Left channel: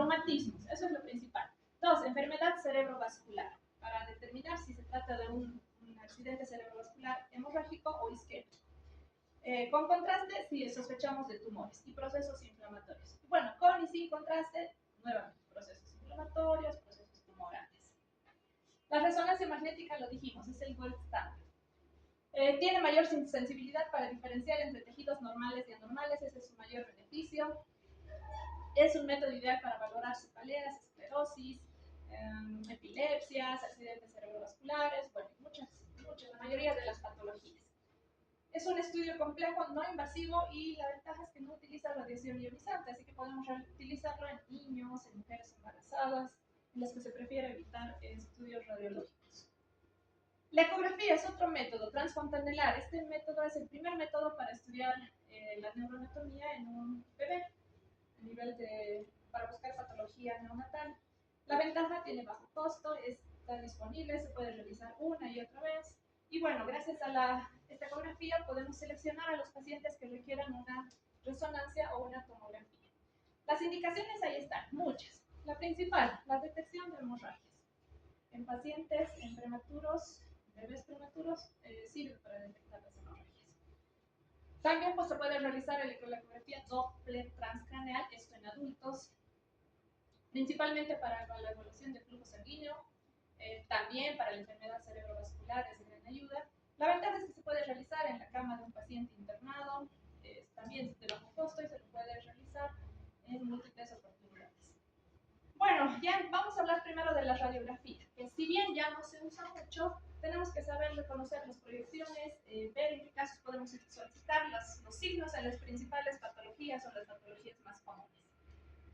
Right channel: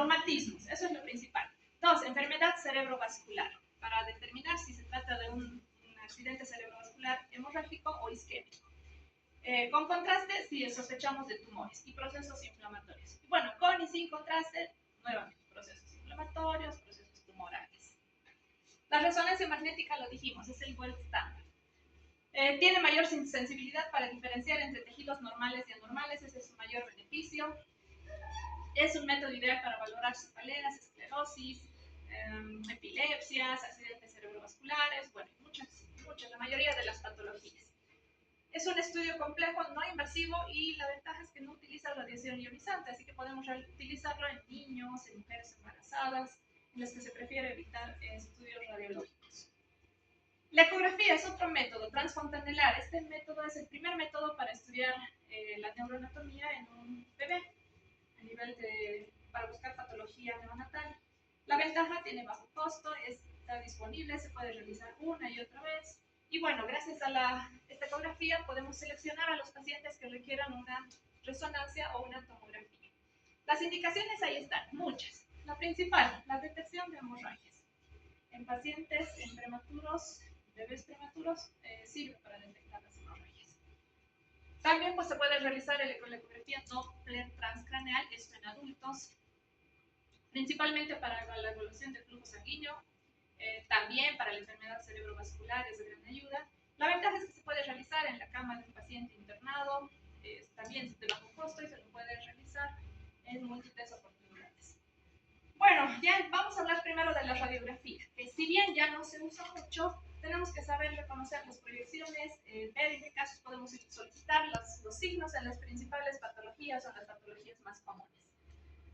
traumatismos, eso es lo principal. 2, enfermedad cerebrovascular, para determinar si se trata de un accidente cerebrovascular hemorrágico o isquémico. Con contraste, si sospechamos de tumores y procesos inflamatorios. Y bueno, con y sin contraste, nuevamente, procesos inflamatorios, procesos tumorales. La resonancia magnética, lo dijimos, es el gold standard. Tiene mayor sensibilidad para diferenciar entre tejidos normales y anormales, ese es su mayor beneficio. Es un método ideal para valorar cefaleas, esclerosis, epilepsias, accidentes cerebrovasculares, bueno, muchas, la mayoría de las patologías. Es un estudio complejo, no invasivo, y la ventaja es que no utiliza radiación ionizante, así que podemos utilizarlo en niños, en mujeres embarazadas, en las que se prefiere evitar estudios radiológicos. La ecografía es otro método transfontanelar. Este método es el primer método para estudiar la neuroanatomía en un bebé, a nivel para buscar patología neonatal. La ventaja, tiene bajo costo, está disponible, se puede realizar una y otra vez. Y bueno, gracias a esta ecografía podemos seleccionar a los pacientes que requieran una resonancia o una tomografía. Las indicaciones ahí están, muchas. La principal, la detección de hemorragias. En pacientes, en prematuros, bebés prematuros, sirve para detectar las hemorragias. También pues, se puede realizar la ecografía Doppler transcraneal, esto en adultos, principalmente para la evaluación del flujo sanguíneo, también para la enfermedad cerebrovascular es de gran ayuda. La ventaja es que se puede realizar en la cama de un paciente internado, también de bajo costo, y se lo puede realizar en múltiples oportunidades. Bueno, ya vamos a hablar primero de la radiografía, que si bien ya no se usa mucho, tenemos que saber reconocer las proyecciones, ver en qué casos podemos solicitar los signos en las principales patologías o las patologías más comunes.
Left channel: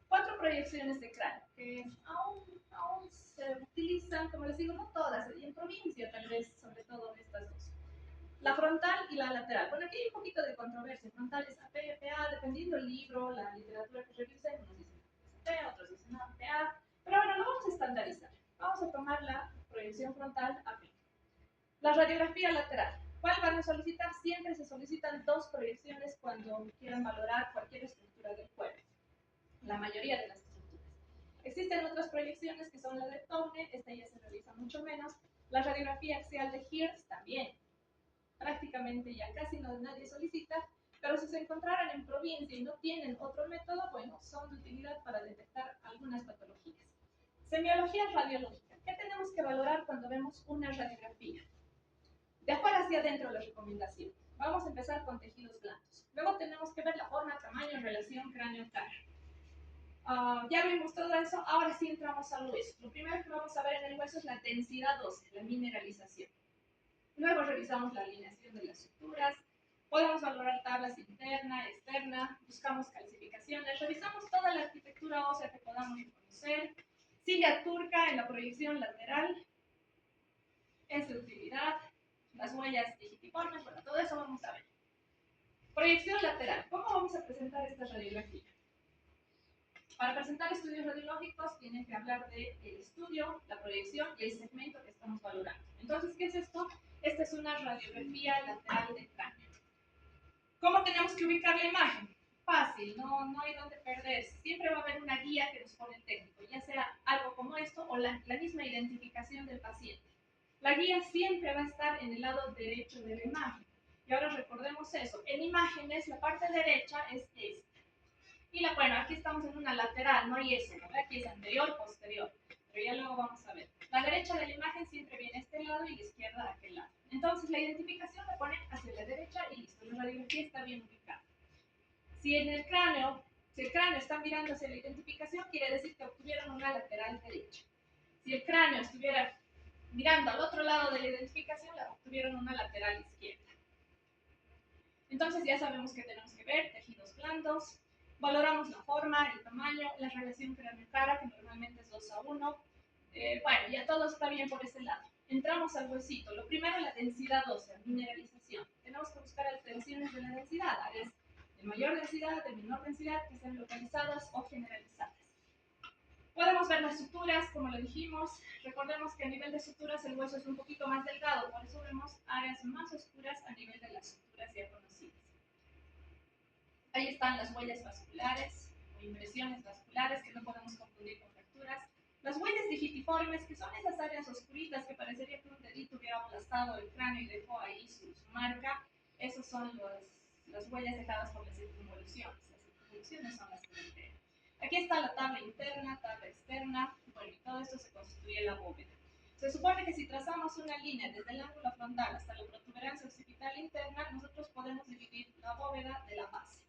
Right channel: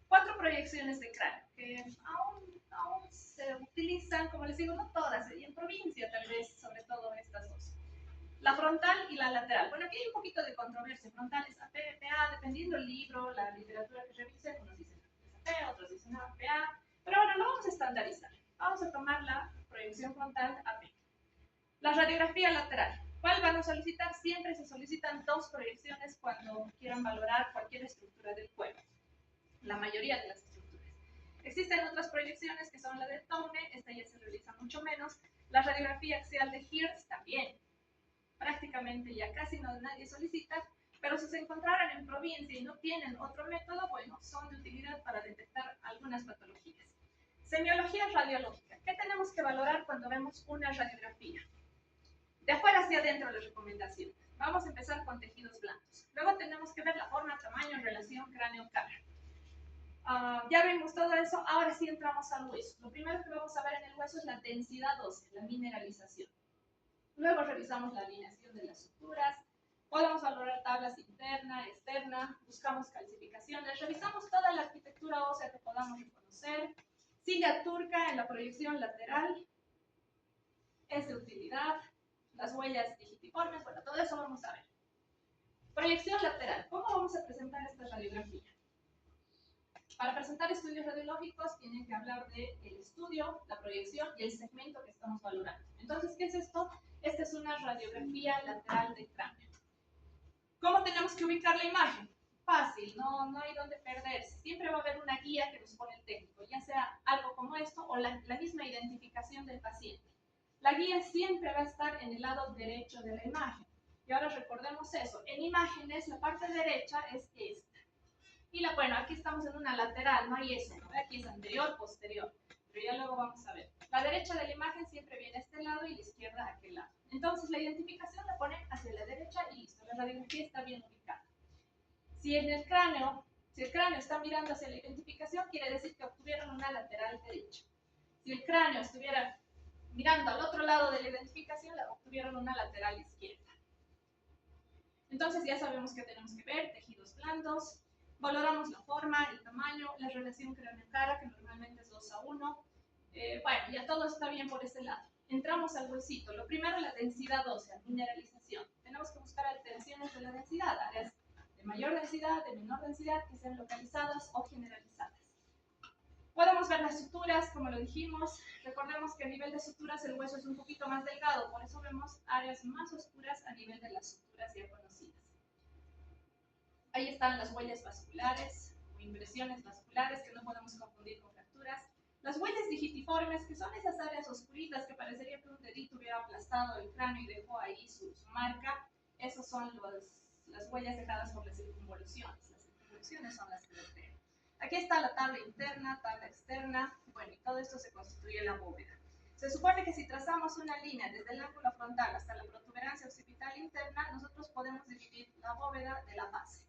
4 proyecciones de cráneo, que aún se utilizan, como les digo, no todas, y en provincia tal vez, sobre todo estas dos. La frontal y la lateral. Bueno, aquí hay un poquito de controversia. Frontal es AP, PA, dependiendo del libro, la literatura que revisen, unos dicen que es AP, otros dicen PA, pero bueno, lo vamos a estandarizar. Vamos a tomar la proyección frontal AP. La radiografía lateral. ¿Cuál van a solicitar? Siempre se solicitan 2 proyecciones cuando quieran valorar cualquier estructura del cuerpo. La mayoría de las estructuras. Existen otras proyecciones que son la de Tone, esta ya se realiza mucho menos. La radiografía axial de Hirsch también. Prácticamente ya casi nadie solicita, pero si se encontraran en provincia y no tienen otro método, bueno, son de utilidad para detectar algunas patologías. Semiología radiológica. ¿Qué tenemos que valorar cuando vemos una radiografía? De afuera hacia adentro las recomendaciones. Vamos a empezar con tejidos blandos. Luego tenemos que ver la forma, tamaño, relación cráneo-cara. Ya vimos todo eso, ahora sí entramos al hueso. Lo primero que vamos a ver en el hueso es la densidad ósea, la mineralización. Luego revisamos la alineación de las suturas, podemos valorar tablas interna, externa, buscamos calcificaciones, revisamos toda la arquitectura ósea que podamos reconocer. Silla turca en la proyección lateral es de utilidad. Las huellas digitiformes, bueno, todo eso vamos a ver. Proyección lateral. ¿Cómo vamos a presentar esta radiografía? Para presentar estudios radiológicos tienen que hablar del estudio, la proyección y el segmento que estamos valorando. Entonces, ¿qué es esto? Esta es una radiografía lateral de cráneo. ¿Cómo tenemos que ubicar la imagen? Fácil, no hay donde perderse. Siempre va a haber una guía que nos pone el técnico, ya sea algo como esto o la misma identificación del paciente. La guía siempre va a estar en el lado derecho de la imagen. Y ahora recordemos eso. En imágenes, la parte derecha es esta. Y bueno, aquí estamos en una lateral, no hay eso, ¿no? Aquí es anterior, posterior, pero ya luego vamos a ver. La derecha de la imagen siempre viene a este lado y la izquierda a aquel lado. Entonces la identificación la ponen hacia la derecha y listo, la radiografía está bien ubicada. Si el cráneo está mirando hacia la identificación, quiere decir que obtuvieron una lateral derecha. Si el cráneo estuviera mirando al otro lado de la identificación, la obtuvieron una lateral izquierda. Entonces ya sabemos que tenemos que ver tejidos blandos. Valoramos la forma, el tamaño, la relación cráneo-cara, que normalmente es 2:1. Bueno, ya todo está bien por ese lado. Entramos al huesito. Lo primero, la densidad ósea, mineralización. Tenemos que buscar alteraciones de la densidad, áreas de mayor densidad, de menor densidad, que sean localizadas o generalizadas. Podemos ver las suturas, como lo dijimos. Recordemos que a nivel de suturas el hueso es un poquito más delgado, por eso vemos áreas más oscuras a nivel de las suturas ya conocidas. Ahí están las huellas vasculares o impresiones vasculares, que no podemos confundir Las huellas digitiformes, que son esas áreas oscuritas que parecería que un dedito hubiera aplastado el cráneo y dejó ahí su marca, esas son las huellas dejadas por las circunvoluciones. Las circunvoluciones son las que vertebran. Aquí está la tabla interna, tabla externa, bueno, y todo esto se constituye la bóveda. Se supone que si trazamos una línea desde el ángulo frontal hasta la protuberancia occipital interna, nosotros podemos dividir la bóveda de la base.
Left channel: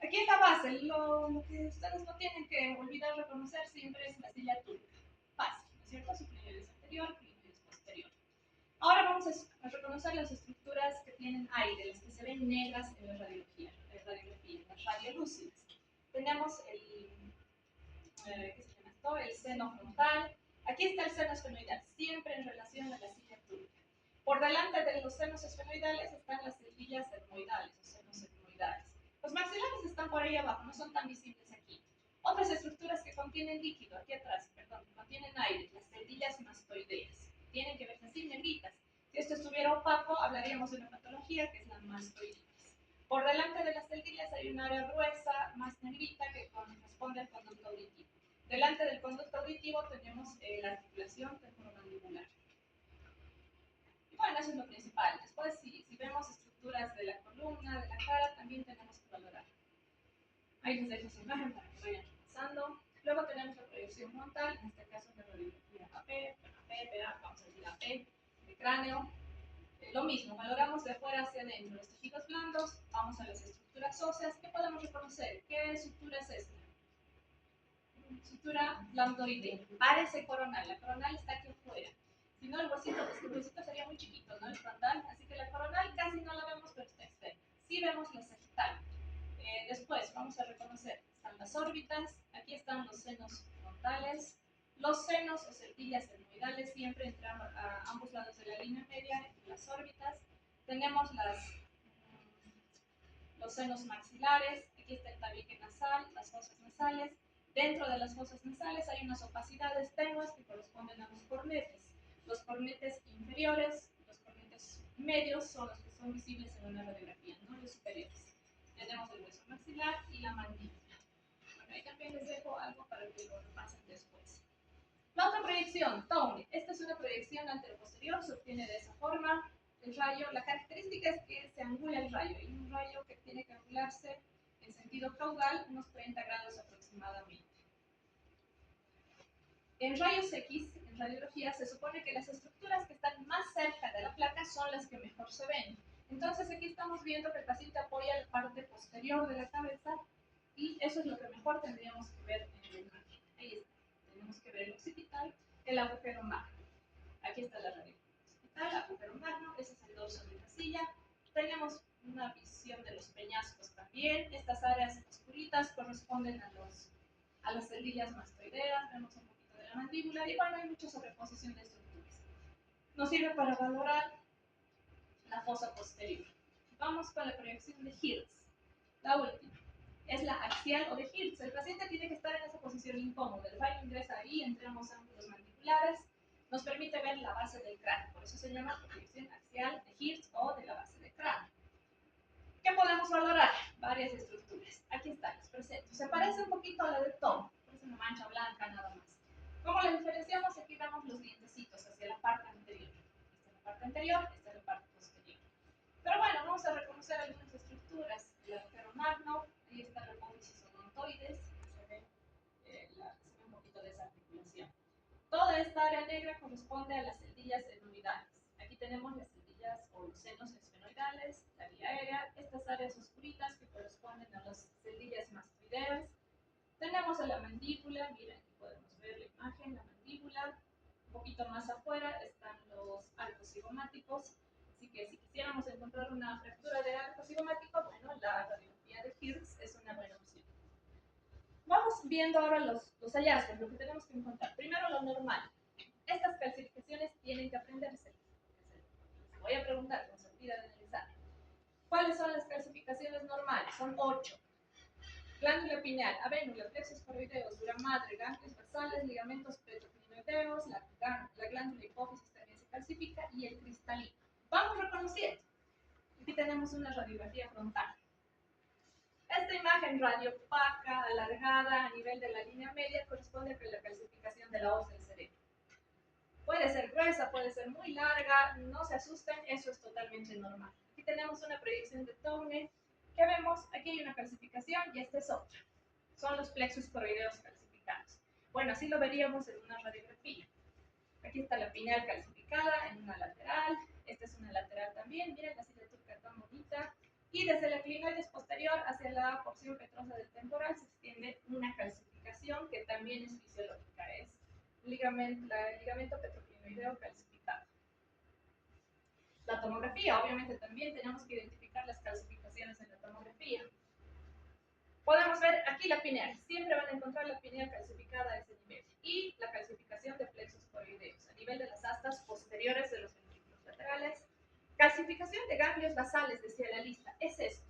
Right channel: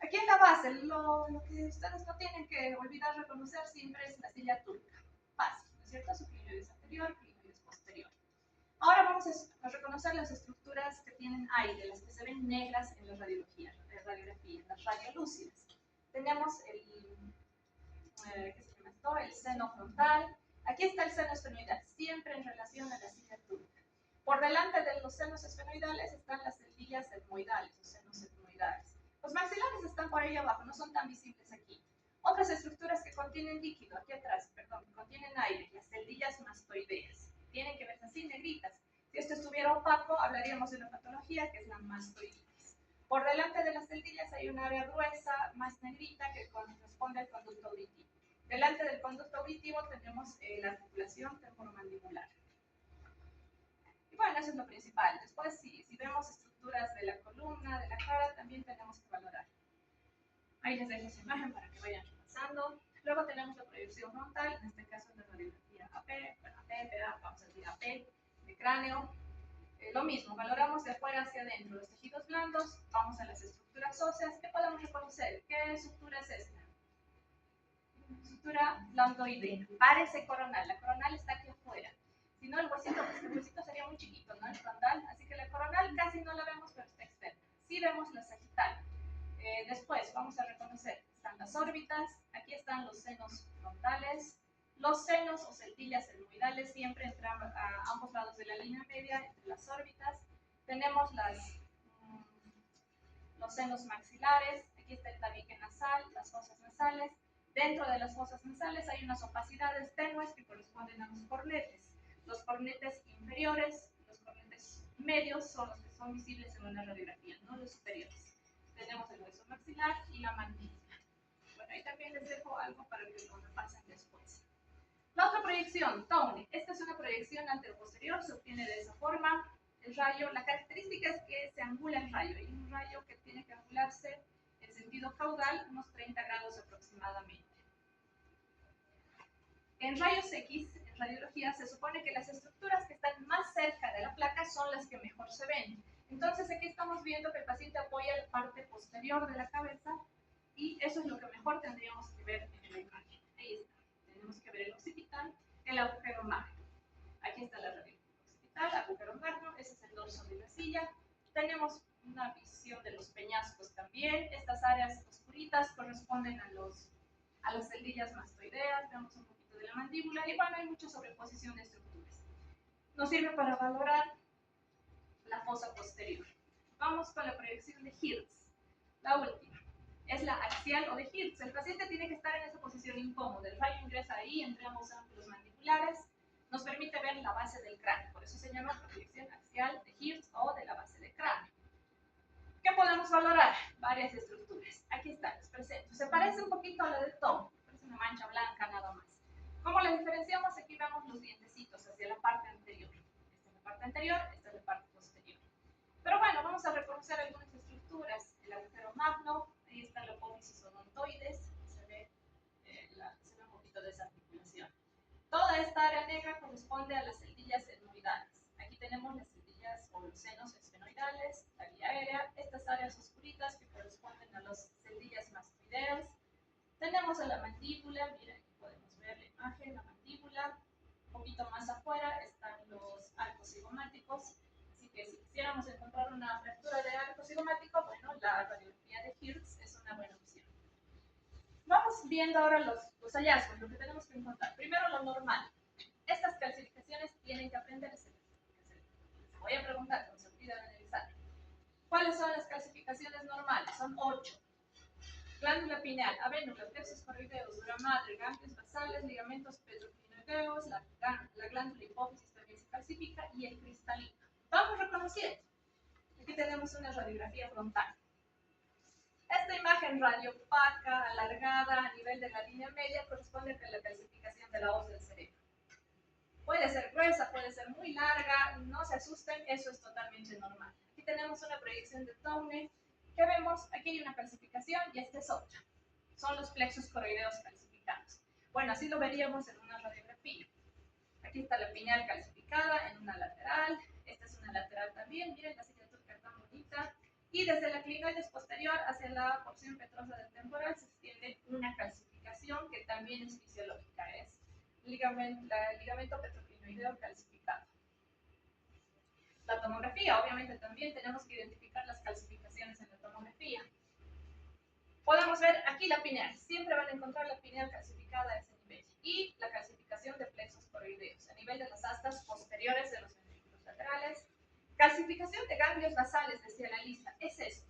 Aquí en la base, lo que ustedes no tienen que olvidar reconocer siempre es la silla turca. Fácil, ¿no es cierto? Su clinoides anterior, clinoides posterior. Ahora vamos a reconocer las estructuras que tienen aire, las que se ven negras en la radiografía, las radiolúcidas. Tenemos el seno frontal. Aquí está el seno esfenoidal, siempre en relación a la silla turca. Por delante de los senos esfenoidales están las celdillas etmoidales, o senos etmoidales. Los maxilares están por ahí abajo, no son tan visibles aquí. Otras estructuras que contienen líquido, aquí atrás, perdón, que contienen aire, las celdillas mastoideas. Tienen que verse así negritas. Si esto estuviera opaco, hablaríamos de una patología que es la mastoiditis. Por delante de las celdillas hay un área gruesa, más negrita, que corresponde al conducto auditivo. Delante del conducto auditivo tenemos la articulación temporomandibular. Y bueno, eso es lo principal. Después, si vemos estructuras de la columna, de la cara, también tenemos que valorar. Ahí les dejo esa imagen para que vayan repasando. Luego tenemos la proyección frontal, en este caso la radiografía AP, vamos a decir AP, de cráneo. Lo mismo, valoramos de afuera hacia adentro los tejidos blandos, vamos a las estructuras óseas. ¿Qué podemos reconocer? ¿Qué estructura es esta? Estructura blandoidea, parece coronal, la coronal está aquí afuera. Si no, el huesito sería muy chiquito, ¿no? El frontal, así que la coronal casi no la vemos, pero está externa. Sí vemos la sagital. Después vamos a reconocer, están las órbitas, aquí están los senos frontales, los senos o celdillas etmoidales siempre entre a ambos lados de la línea media, entre las órbitas. Tenemos los senos maxilares, aquí está el tabique nasal, las fosas nasales. Dentro de las fosas nasales hay unas opacidades tenues que corresponden a los cornetes. Los cornetes inferiores, los cornetes medios son los que son visibles en una radiografía, no los superiores. Tenemos el hueso maxilar y la mandíbula. Bueno, ahí también les dejo algo para que lo repasen después. La otra proyección, Towne. Esta es una proyección anteroposterior, se obtiene de esa forma. El rayo, la característica es que se angula el rayo. Hay un rayo que tiene que angularse en sentido caudal, unos 30 grados aproximadamente. En rayos X, en radiología, se supone que las estructuras que están más cerca de la placa son las que mejor se ven. Entonces aquí estamos viendo que el paciente apoya la parte posterior de la cabeza y eso es lo que mejor tendríamos que ver en la imagen. Ahí está. Tenemos que ver el occipital, el agujero magno. Aquí está la radiografía occipital, agujero magno, ese es el dorso de la silla. Tenemos una visión de los peñascos también. Estas áreas oscuritas corresponden a las celdillas mastoideas. Vemos un poquito de la mandíbula y bueno, hay mucha sobreposición de estructuras. Nos sirve para valorar la fosa posterior. Vamos con la proyección de Hirtz, la última. Es la axial o de Hirtz. El paciente tiene que estar en esa posición incómoda. El rayo ingresa ahí entre ambos ángulos mandibulares. Nos permite ver la base del cráneo. Por eso se llama proyección axial de Hirtz o de la base del cráneo. ¿Qué podemos valorar? Varias estructuras. Aquí está, les presento. Se parece un poquito a la de Tom. Es una mancha blanca nada más. ¿Cómo la diferenciamos? Aquí vemos los dientecitos hacia la parte anterior. Esta es la parte anterior, esta es la parte posterior. Pero bueno, vamos a reconocer algunas estructuras. El agujero magno, ahí está la apófisis odontoides, se ve un poquito de esa articulación. Toda esta área negra corresponde a las celdillas etmoidales. Aquí tenemos las celdillas o los senos esfenoidales, la vía aérea, estas áreas oscuritas que corresponden a las celdillas mastoideas. Tenemos a la mandíbula, miren, aquí podemos ver la imagen, la mandíbula. Un poquito más afuera están los arcos cigomáticos. Así que si quisiéramos encontrar una fractura de arco cigomático, bueno, la radiografía de Hirtz es una buena opción. Vamos viendo ahora los hallazgos, lo que tenemos que encontrar. Primero, lo normal. Estas calcificaciones tienen que aprenderse. Voy a preguntar, no se olvida de analizar. ¿Cuáles son las calcificaciones normales? Son 8. Glándula pineal, avénula, plexos coroideos, dura madre, ganglios basales, ligamentos petroclinoideos, la glándula hipófisis también se calcifica y el cristalino. Vamos reconociendo. Aquí tenemos una radiografía frontal. Esta imagen radiopaca, alargada a nivel de la línea media, corresponde a la calcificación de la hoz del cerebro. Puede ser gruesa, puede ser muy larga, no se asusten, eso es totalmente normal. Aquí tenemos una proyección de Towne. ¿Qué vemos? Aquí hay una calcificación y esta es otra. Son los plexos coroideos calcificados. Bueno, así lo veríamos en una radiografía. Aquí está la pineal calcificada en una lateral, esta es una lateral también, miren la signatura tan bonita. Y desde la clinoides posterior hacia la porción petrosa del temporal se extiende una calcificación que también es fisiológica, es ligamento petroclinoideo calcificado. La tomografía, obviamente también tenemos que identificar las calcificaciones en la tomografía. Podemos ver aquí la pineal, siempre van a encontrar la pineal calcificada a ese nivel, y la calcificación de plexos coroideos a nivel de las astas posteriores de los ventrículos laterales. Calcificación de ganglios basales, decía la lista, es esto.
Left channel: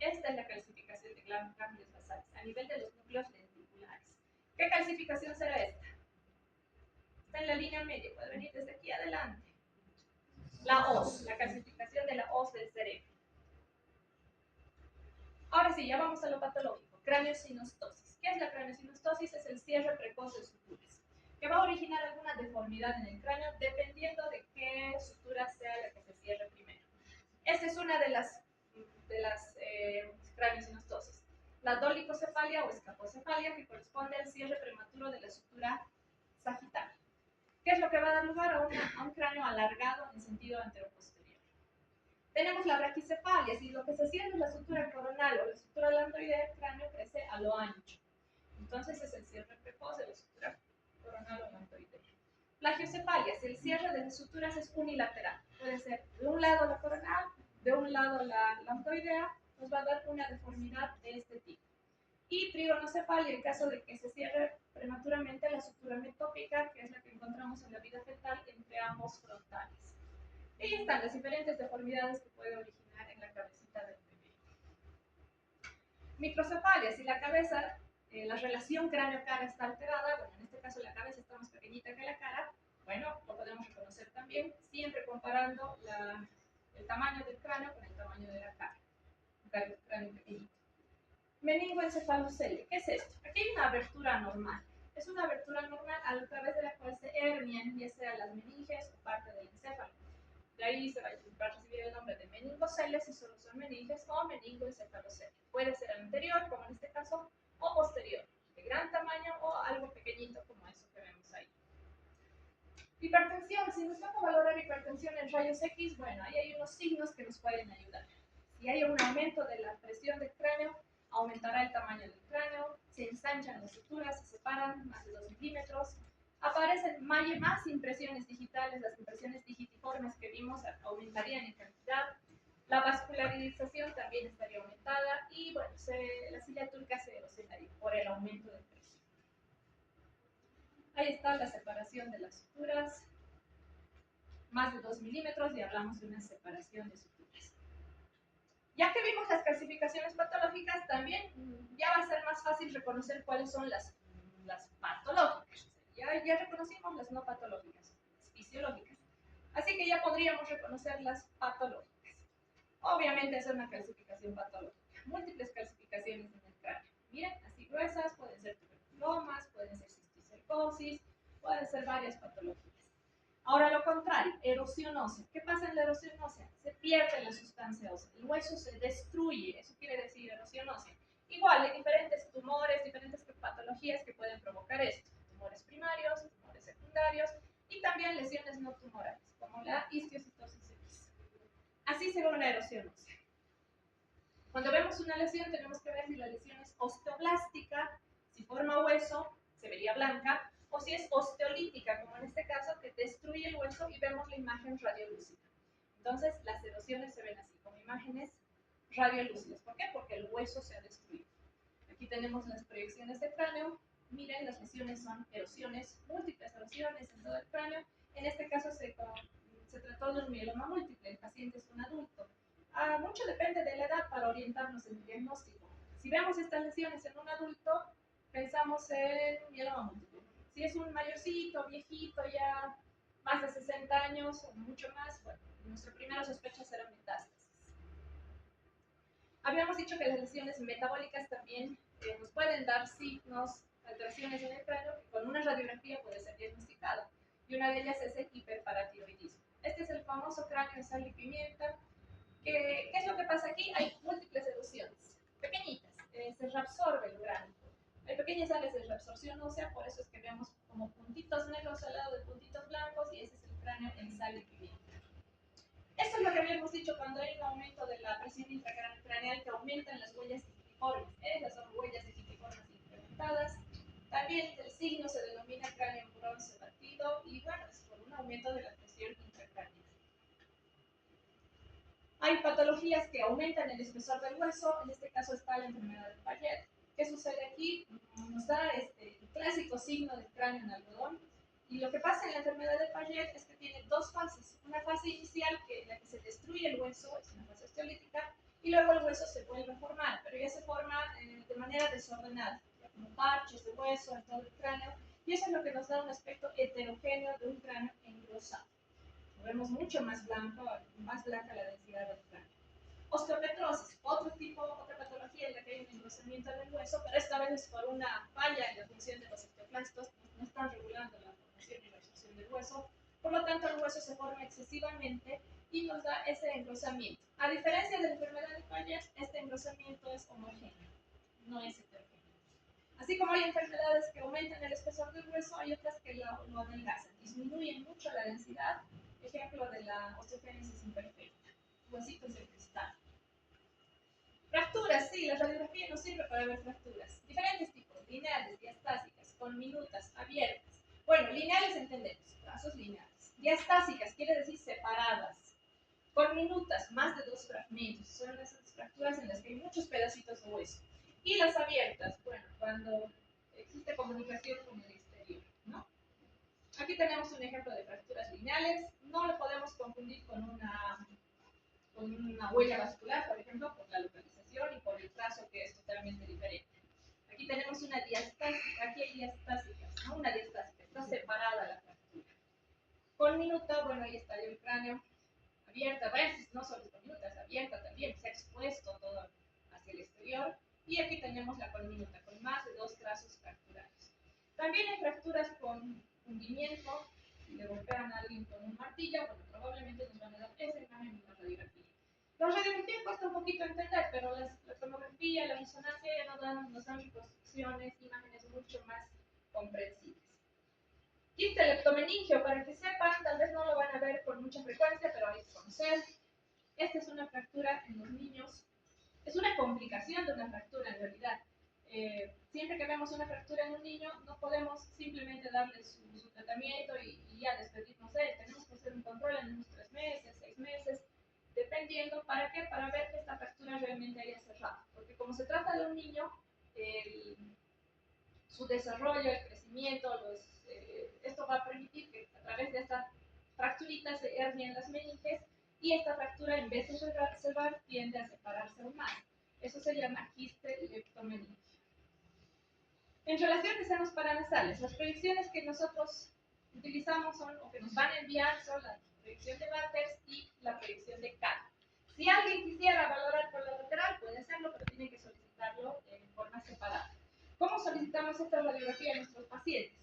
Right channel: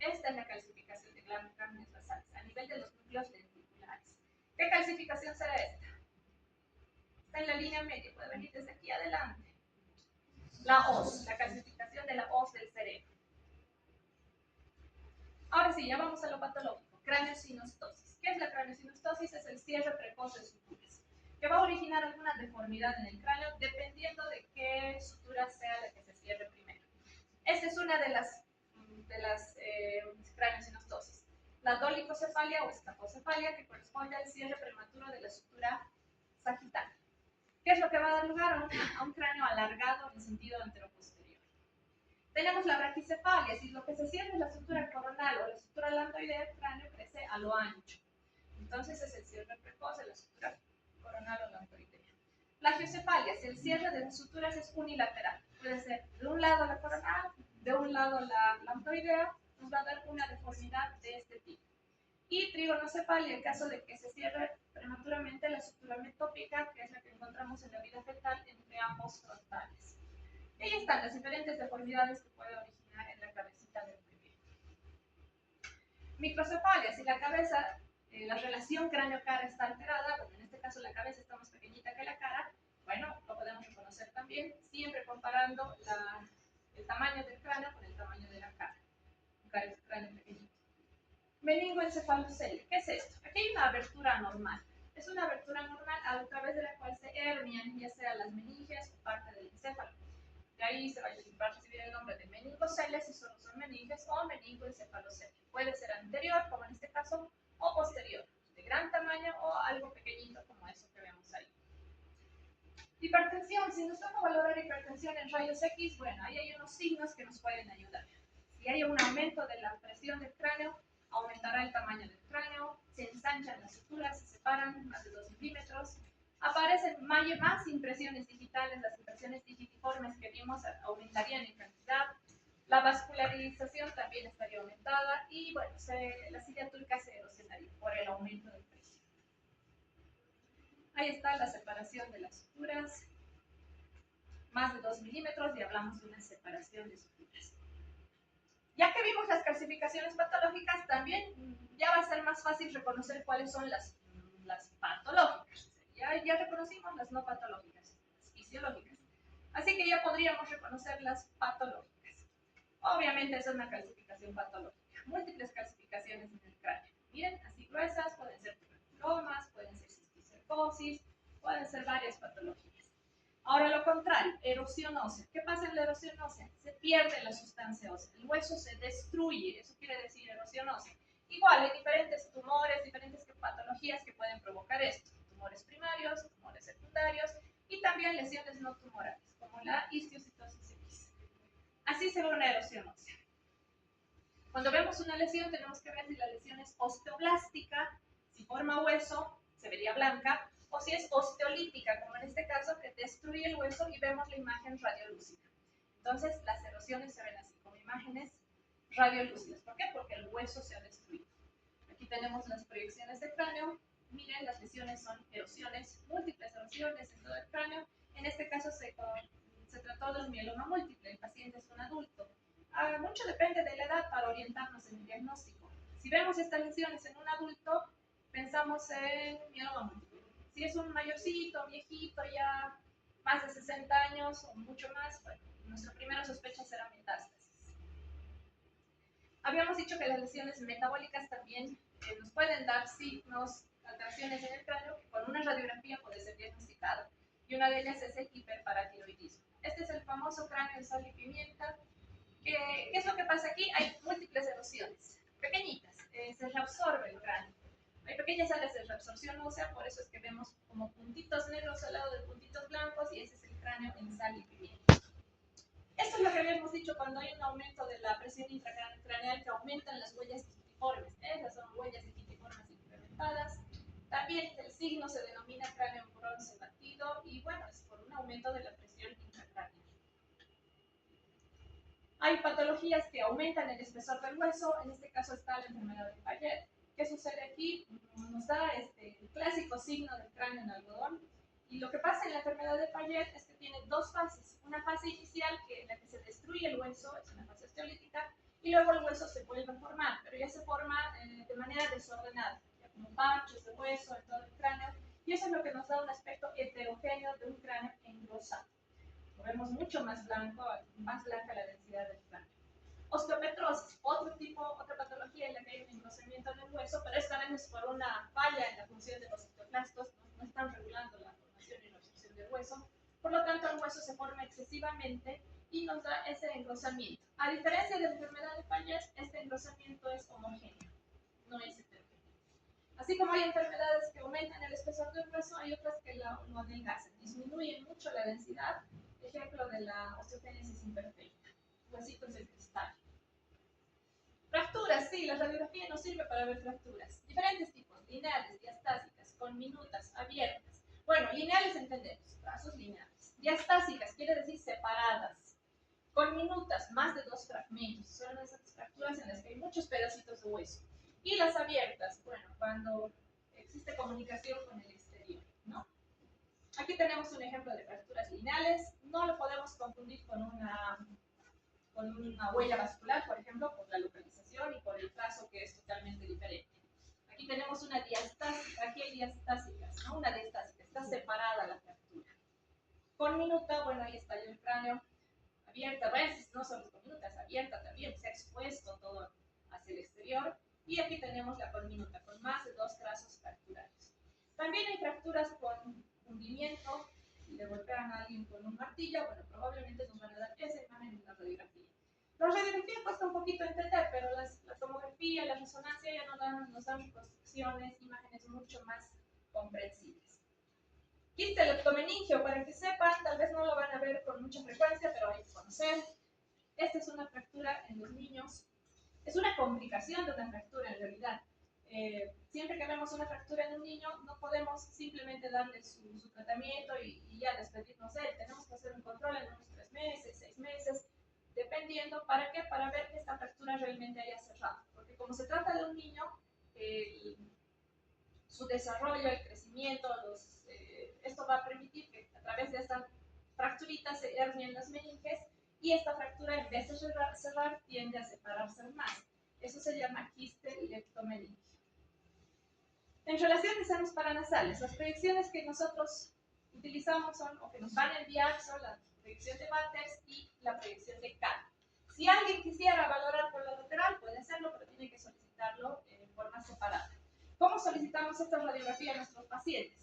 Esta es la calcificación de ganglios basales a nivel de los núcleos ventriculares. ¿Qué calcificación será esta? Está en la línea media, puede venir desde aquí adelante. La hoz, la calcificación de la hoz del cerebro. Ahora sí, ya vamos a lo patológico, craneosinostosis. ¿Qué es la craneosinostosis? Es el cierre precoz de suturas, que va a originar alguna deformidad en el cráneo dependiendo de qué sutura sea la que se cierre primero. Esta es una de las craneosinostosis. La dolicocefalia o escapocefalia, que corresponde al cierre prematuro de la sutura sagital. ¿Qué es lo que va a dar lugar a un cráneo alargado en sentido anteroposterior? Tenemos la braquicefalia, si lo que se cierra es la sutura coronal o la sutura lambdoidea, el cráneo crece a lo ancho. Entonces es el cierre precoz de la sutura coronal o lambdoidea. Plagiocefalia, si el cierre de suturas es unilateral, puede ser de un lado la coronal, de un lado la lambdoidea, nos va a dar una deformidad de este tipo. Y trigonocefalia, en caso de que se cierre prematuramente la sutura metópica, que es la que encontramos en la vida fetal entre ambos frontales. Y ahí están las diferentes deformidades que puede originar en la cabecita del bebé. Microcefalia, si la cabeza, la relación cráneo-cara está alterada, bueno, en este caso la cabeza está más pequeñita que la cara, bueno, lo podemos reconocer también, siempre comparando el tamaño del cráneo con el tamaño de la cara. Un cráneo pequeñito. Meningoencefalocelia, ¿qué es esto? Aquí hay una abertura normal. Es una abertura normal a través de la cual se hernian, ya sea las meninges o parte del encéfalo. De ahí se va a recibir el nombre de meningoceles si solo son meninges, o meningoencefalocelia. Puede ser anterior, como en este caso, o posterior, de gran tamaño o algo pequeñito como eso que vemos ahí. Hipertensión, si nos toca valorar hipertensión en rayos X, bueno, ahí hay unos signos que nos pueden ayudar. Si hay un aumento de la presión del cráneo, aumentará el tamaño del cráneo, se ensanchan las suturas, se separan más de 2 milímetros, aparecen más impresiones digitales, las impresiones digitiformes que vimos aumentarían en cantidad, la vascularización también estaría aumentada y bueno, la silla turca se erosionaría por el aumento de presión. Ahí está la separación de las suturas, más de 2 milímetros y hablamos de una separación de suturas. Ya que vimos las calcificaciones patológicas, también ya va a ser más fácil reconocer cuáles son las patológicas. Ya reconocimos las no patológicas, las fisiológicas. Así que ya podríamos reconocer las patológicas. Obviamente esa es una calcificación patológica. Múltiples calcificaciones en el cráneo. Miren, así gruesas, pueden ser tuberculomas, pueden ser cisticercosis, pueden ser varias patologías. Ahora lo contrario, erosión ósea. ¿Qué pasa en la erosión ósea? Se pierde la sustancia ósea, el hueso se destruye, eso quiere decir erosión ósea. Igual, hay diferentes tumores, diferentes patologías que pueden provocar esto. Tumores primarios, tumores secundarios y también lesiones no tumorales, como la histiocytosis X. Así se ve una erosión ósea. Cuando vemos una lesión tenemos que ver si la lesión es osteoblástica, si forma hueso, se vería blanca, o si es osteolítica, como en este caso, que destruye el hueso y vemos la imagen radiolúcida. Entonces, las erosiones se ven así, como imágenes radiolúcidas. ¿Por qué? Porque el hueso se ha destruido. Aquí tenemos las proyecciones de cráneo. Miren, las lesiones son erosiones, múltiples erosiones en todo el cráneo. En este caso se trató de un mieloma múltiple, el paciente es un adulto. Mucho depende de la edad para orientarnos en el diagnóstico. Si vemos estas lesiones en un adulto, pensamos en mieloma múltiple. Si es un mayorcito, viejito, ya más de 60 años o mucho más, bueno, nuestra primera sospecha será metástasis. Habíamos dicho que las lesiones metabólicas también nos pueden dar signos, alteraciones en el cráneo, que con una radiografía puede ser diagnosticado. Y una de ellas es el hiperparatiroidismo. Este es el famoso cráneo en sal y pimienta. ¿Qué es lo que pasa aquí? Hay múltiples erosiones, pequeñitas, se reabsorbe el cráneo. Hay pequeñas áreas de reabsorción ósea, por eso es que vemos como puntitos negros al lado de puntitos blancos, y ese es el cráneo en sal y pimienta. Esto es lo que habíamos dicho cuando hay un aumento de la presión intracraneal, que aumentan las huellas digitiformes. Esas son huellas digitiformes incrementadas. También el signo se denomina cráneo en bronce batido, y bueno, es por un aumento de la presión intracraneal. Hay patologías que aumentan el espesor del hueso, en este caso está la enfermedad de Payet. ¿Qué sucede aquí? Nos da el clásico signo del cráneo en algodón, y lo que pasa en la enfermedad de Payet es que tiene dos fases. Una fase inicial en la que se destruye el hueso, es una fase osteolítica, y luego el hueso se vuelve a formar, pero ya se forma de manera desordenada, como parches de hueso en todo el cráneo, y eso es lo que nos da un aspecto heterogéneo de un cráneo engrosado. Lo vemos mucho más blanco, más blanca la densidad del cráneo. Osteopetrosis, otra patología en la que hay un engrosamiento del hueso, pero esta vez es por una falla en la función de los osteoclastos, no están regulando la formación y reabsorción del hueso, por lo tanto el hueso se forma excesivamente y nos da ese engrosamiento. A diferencia de la enfermedad de Payet, este engrosamiento es homogéneo, no es heterogéneo. Así como hay enfermedades que aumentan el espesor del hueso, hay otras que lo adelgazan, disminuyen mucho la densidad. Ejemplo de la osteogénesis imperfecta, huesitos de cristal. Fracturas, sí, la radiografía nos sirve para ver fracturas. Diferentes tipos, lineales, diastásicas, conminutas, abiertas. Bueno, lineales entendemos, trazos lineales. Diastásicas quiere decir separadas. Conminutas, más de dos fragmentos, son esas fracturas en las que hay muchos pedacitos de hueso. Y las abiertas, bueno, cuando existe comunicación con el exterior, ¿no? Aquí tenemos un ejemplo de fracturas lineales. No lo podemos confundir con una huella vascular, por ejemplo, por la localización y por el trazo, que es totalmente diferente. Aquí tenemos una diastásica, aquí hay diastásicas, ¿no? Una diastásica, está separada la fractura. Conminuta, bueno, ahí está el cráneo abierta, no solo conminuta, es abierta también, se ha expuesto todo hacia el exterior. Y aquí tenemos la conminuta, con más de dos trazos fracturales. También hay fracturas con hundimiento. Si le golpean a alguien con un martillo, bueno, probablemente nos van a dar esa imagen en la radiografía. La radiografía cuesta un poquito entender, pero la tomografía, la resonancia ya nos dan construcciones, imágenes mucho más comprensibles. Quiste leptomeningio, para que sepan, tal vez no lo van a ver con mucha frecuencia, pero hay que conocer. Esta es una fractura en los niños. Es una complicación de una fractura en realidad. Siempre que vemos una fractura en un niño, no podemos simplemente darle su tratamiento y ya despedirnos de él. Tenemos que hacer un control en unos 3 meses, 6 meses, dependiendo. ¿Para qué? Para ver que esta fractura realmente haya cerrado. Porque como se trata de un niño, su desarrollo, el crecimiento, esto va a permitir que a través de esta fracturita se hernien las meninges, y esta fractura, en vez de cerrar, tiende a separarse aún más. Eso se llama quiste leptomeningio. En relación a senos paranasales, las proyecciones que nosotros utilizamos o que nos van a enviar son la proyección de Batters y la proyección de Kahn. Si alguien quisiera valorar por la lateral, puede hacerlo, pero tiene que solicitarlo en forma separada. ¿Cómo solicitamos esta radiografía a nuestros pacientes?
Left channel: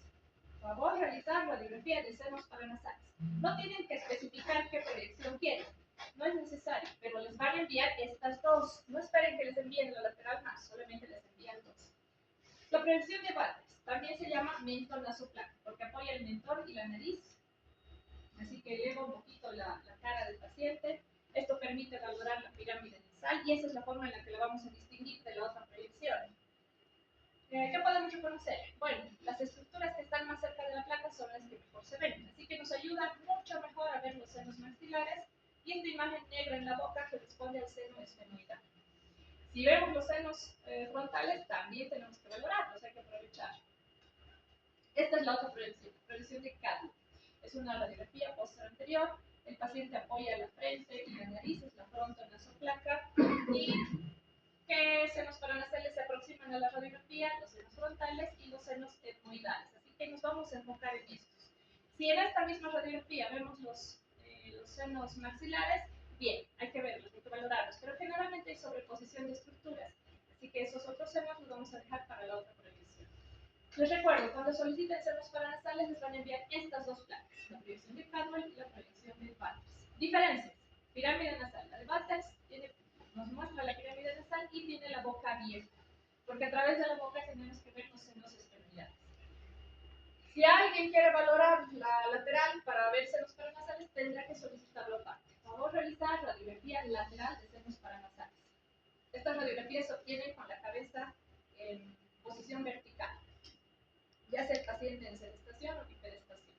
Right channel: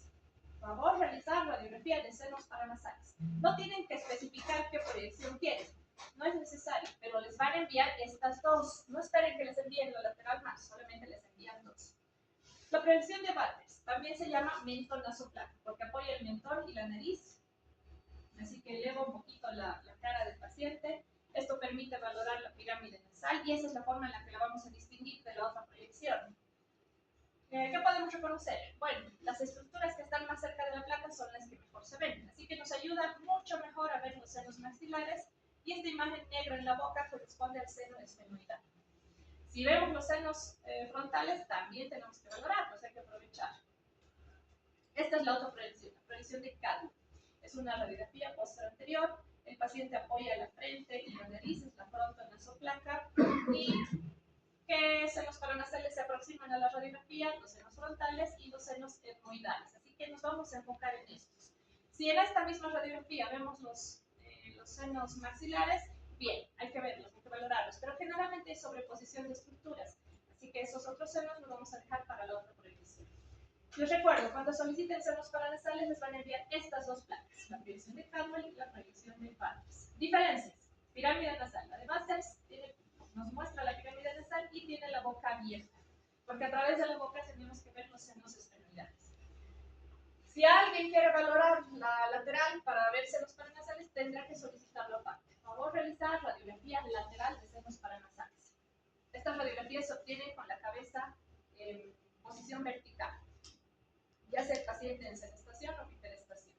Por favor, realizar radiografía de senos paranasales. No tienen que especificar qué proyección quieren, no es necesario, pero les van a enviar estas dos. No esperen que les envíen la lateral más, solamente les envían dos. La proyección de Batters también se llama mentón nasoplano, porque apoya el mentón y la nariz. Así que eleva un poquito la cara del paciente. Esto permite valorar la pirámide nasal, y esa es la forma en la que la vamos a distinguir de la otra proyección. ¿Qué podemos reconocer? Bueno, las estructuras que están más cerca de la placa son las que mejor se ven, así que nos ayuda mucho mejor a ver los senos maxilares, y esta imagen negra en la boca corresponde al seno esfenoidal. Si vemos los senos frontales, también tenemos que valorarlos, hay que aprovechar. Esta es la otra proyección, la proyección de Kahn. Es una radiografía posterior anterior. El paciente apoya la frente y la nariz, es la frontonasoplaca, y que senos paranasales se aproximan a la radiografía, los senos frontales y los senos etmoidales. Así que nos vamos a enfocar en estos. Si en esta misma radiografía vemos los senos maxilares, bien, hay que verlos, hay que valorarlos, pero generalmente hay sobreposición de estructuras, así que esos otros senos los vamos a dejar para la otra proyección. Les recuerdo, cuando soliciten senos paranasales les van a enviar estas dos placas, la proyección de Caldwell y la proyección de Batters. Diferencias: pirámide nasal. La de Batters nos muestra la pirámide nasal y tiene la boca abierta, porque a través de la boca tenemos que ver los senos esternidades. Si alguien quiere valorar la lateral para ver senos paranasales, tendrá que solicitarlo aparte. Vamos a realizar radiografía lateral de senos paranasales. Estas radiografías se obtienen con la cabeza en posición vertical, ya sea el paciente en sedestación o hiperestación.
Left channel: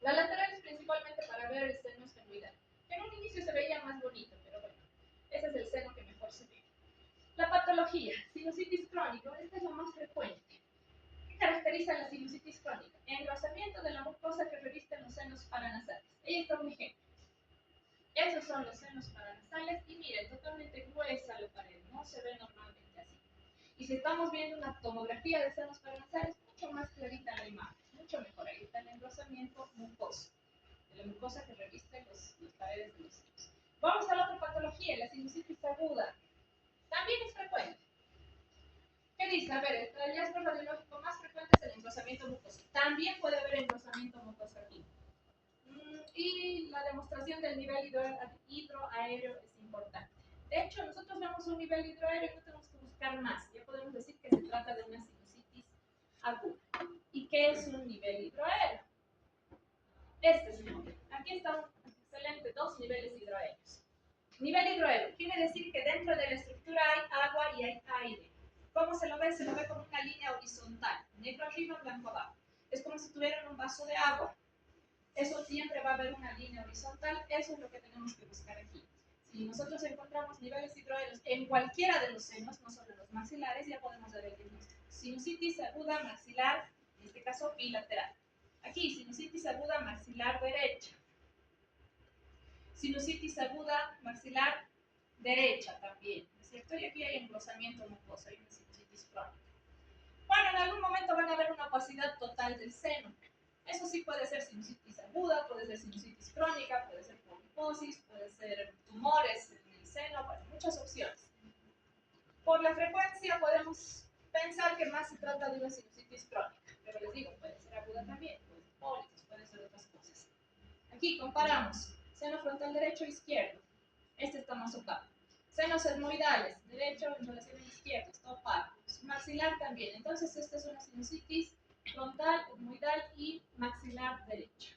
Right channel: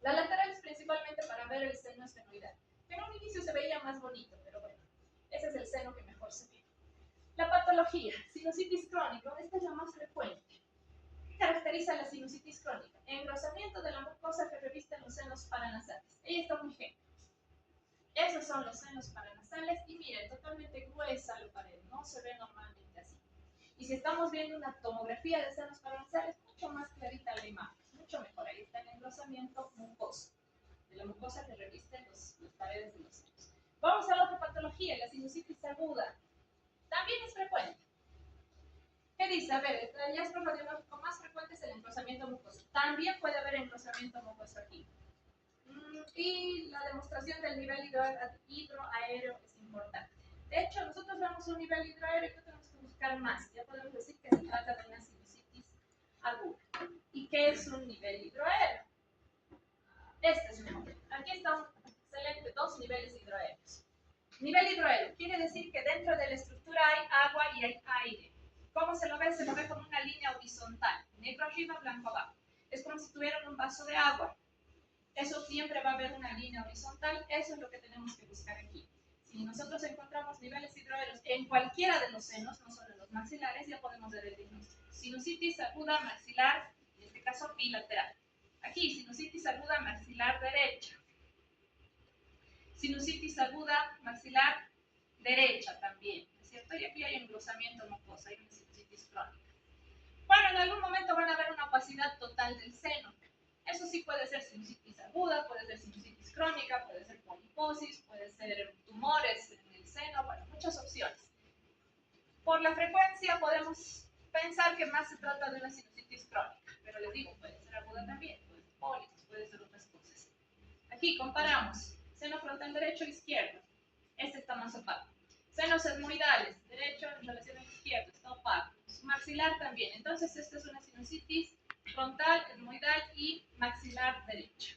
La lateral es principalmente para ver el seno estenoidal, que en un inicio se veía más bonito, pero bueno, ese es el seno que mejor se ve. La patología, sinusitis crónica, esta es la más frecuente. ¿Qué caracteriza la sinusitis crónica? Engrosamiento de la mucosa que revisten los senos paranasales. Ahí está un ejemplo. Esos son los senos paranasales y miren, totalmente gruesa la pared, no se ve normalmente así. Y si estamos viendo una tomografía de senos paranasales, mucho más clarita la imagen, mucho mejor. Ahí está el engrosamiento mucoso, de la mucosa que reviste las paredes de los senos. Vamos a la otra patología, la sinusitis aguda. También es frecuente. ¿Qué dice? A ver, el hallazgo radiológico más frecuente es el engrosamiento mucoso. También puede haber engrosamiento mucoso aquí. Y la demostración del nivel hidroaéreo es importante. De hecho, nosotros vemos un nivel hidroaéreo y no tenemos que buscar más. Ya podemos decir que se trata de una sinusitis aguda. ¿Y qué es un nivel hidroaéreo? Este es el nombre. Aquí están excelente dos niveles hidroaéreos. Nivel hidroaéreo quiere decir que dentro de la estructura hay agua y hay aire. ¿Cómo se lo ve? Se lo ve como una línea horizontal, negro arriba, blanco abajo. Es como si tuvieran un vaso de agua. Eso siempre va a haber una línea horizontal, eso es lo que tenemos que buscar aquí. Si nosotros encontramos niveles hidroaéreos en cualquiera de los senos, no solo en los maxilares, ya podemos ver el diagnóstico. Sinusitis aguda maxilar, en este caso bilateral. Aquí, sinusitis aguda maxilar derecha. Sinusitis aguda maxilar derecha también, ¿no es cierto? Y aquí hay engrosamiento mucoso, hay una sinusitis crónica. Bueno, en algún momento van a haber una opacidad total del seno. Eso sí puede ser sinusitis aguda, puede ser sinusitis crónica, puede ser poliposis, puede ser tumores en el seno, bueno, muchas opciones. Por la frecuencia podemos pensar que más se trata de una sinusitis crónica, pero les digo, puede ser aguda también, puede ser pólipos, puede ser otras cosas. Aquí comparamos seno frontal derecho e izquierdo. Este está más opaco. Senos etmoidales, derecho en relación al izquierdo, está opaco. Maxilar también. Entonces, esta es una sinusitis frontal, etmoidal y maxilar derecho.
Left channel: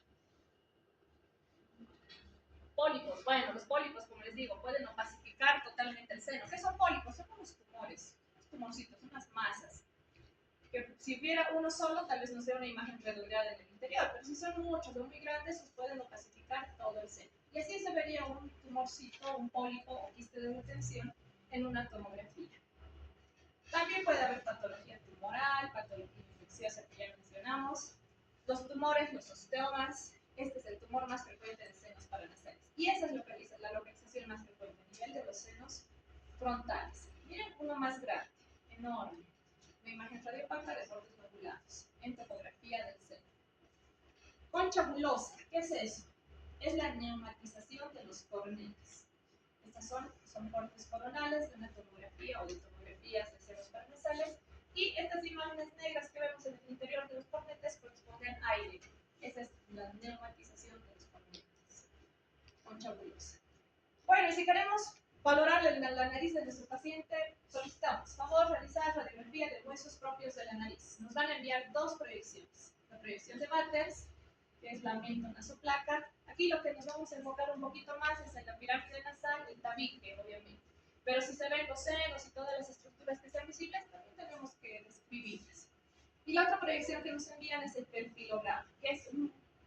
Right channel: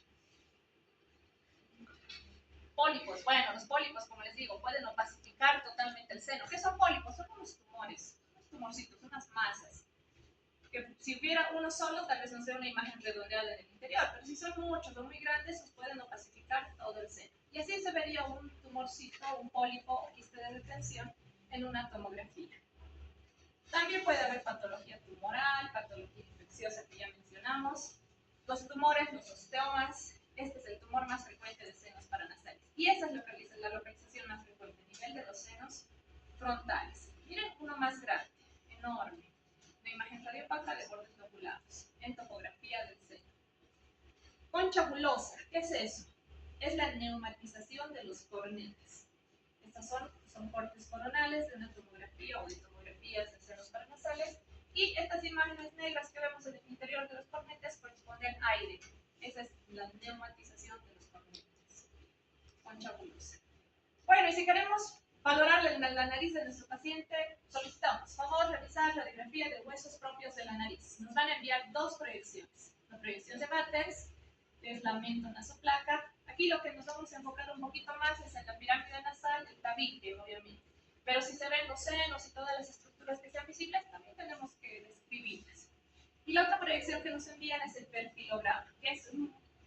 Pólipos. Bueno, los pólipos, como les digo, pueden opacificar totalmente el seno. ¿Qué son pólipos? Son unos tumores, unos tumorcitos, unas masas. Que si hubiera uno solo, tal vez no sea una imagen redondeada en el interior, pero si son muchos o muy grandes, pueden opacificar todo el seno. Y así se vería un tumorcito, un pólipo o quiste de retención en una tomografía. También puede haber patología tumoral, patología infecciosa que ya mencionamos, los tumores, los osteomas. Este es el tumor más frecuente de senos paranasales. Y esa es la localización más frecuente, a nivel de los senos frontales. Miren uno más grande, enorme. Una imagen radiopaca de bordes lobulados, en topografía del seno. Concha bulosa, ¿qué es eso? Es la neumatización de los cornetes. Estas son cortes coronales de una tomografía o de tomografías de senos paranasales. Y estas imágenes negras que vemos en el interior de los cornetes corresponden a aire. Esa es la neumatización de los cornetes. Concha bulosa. Bueno, y si queremos valorar la nariz de nuestro paciente, solicitamos, favor, realizar radiografía de huesos propios de la nariz. Nos van a enviar dos proyecciones. La proyección de Batters, que es la mentonasoplaca. Aquí lo que nos vamos a enfocar un poquito más es en la pirámide nasal, el tabique, obviamente. Pero si se ven los senos y todas las estructuras que sean visibles, también tenemos que describirlas. Y la otra proyección que nos envían es el perfilograma, que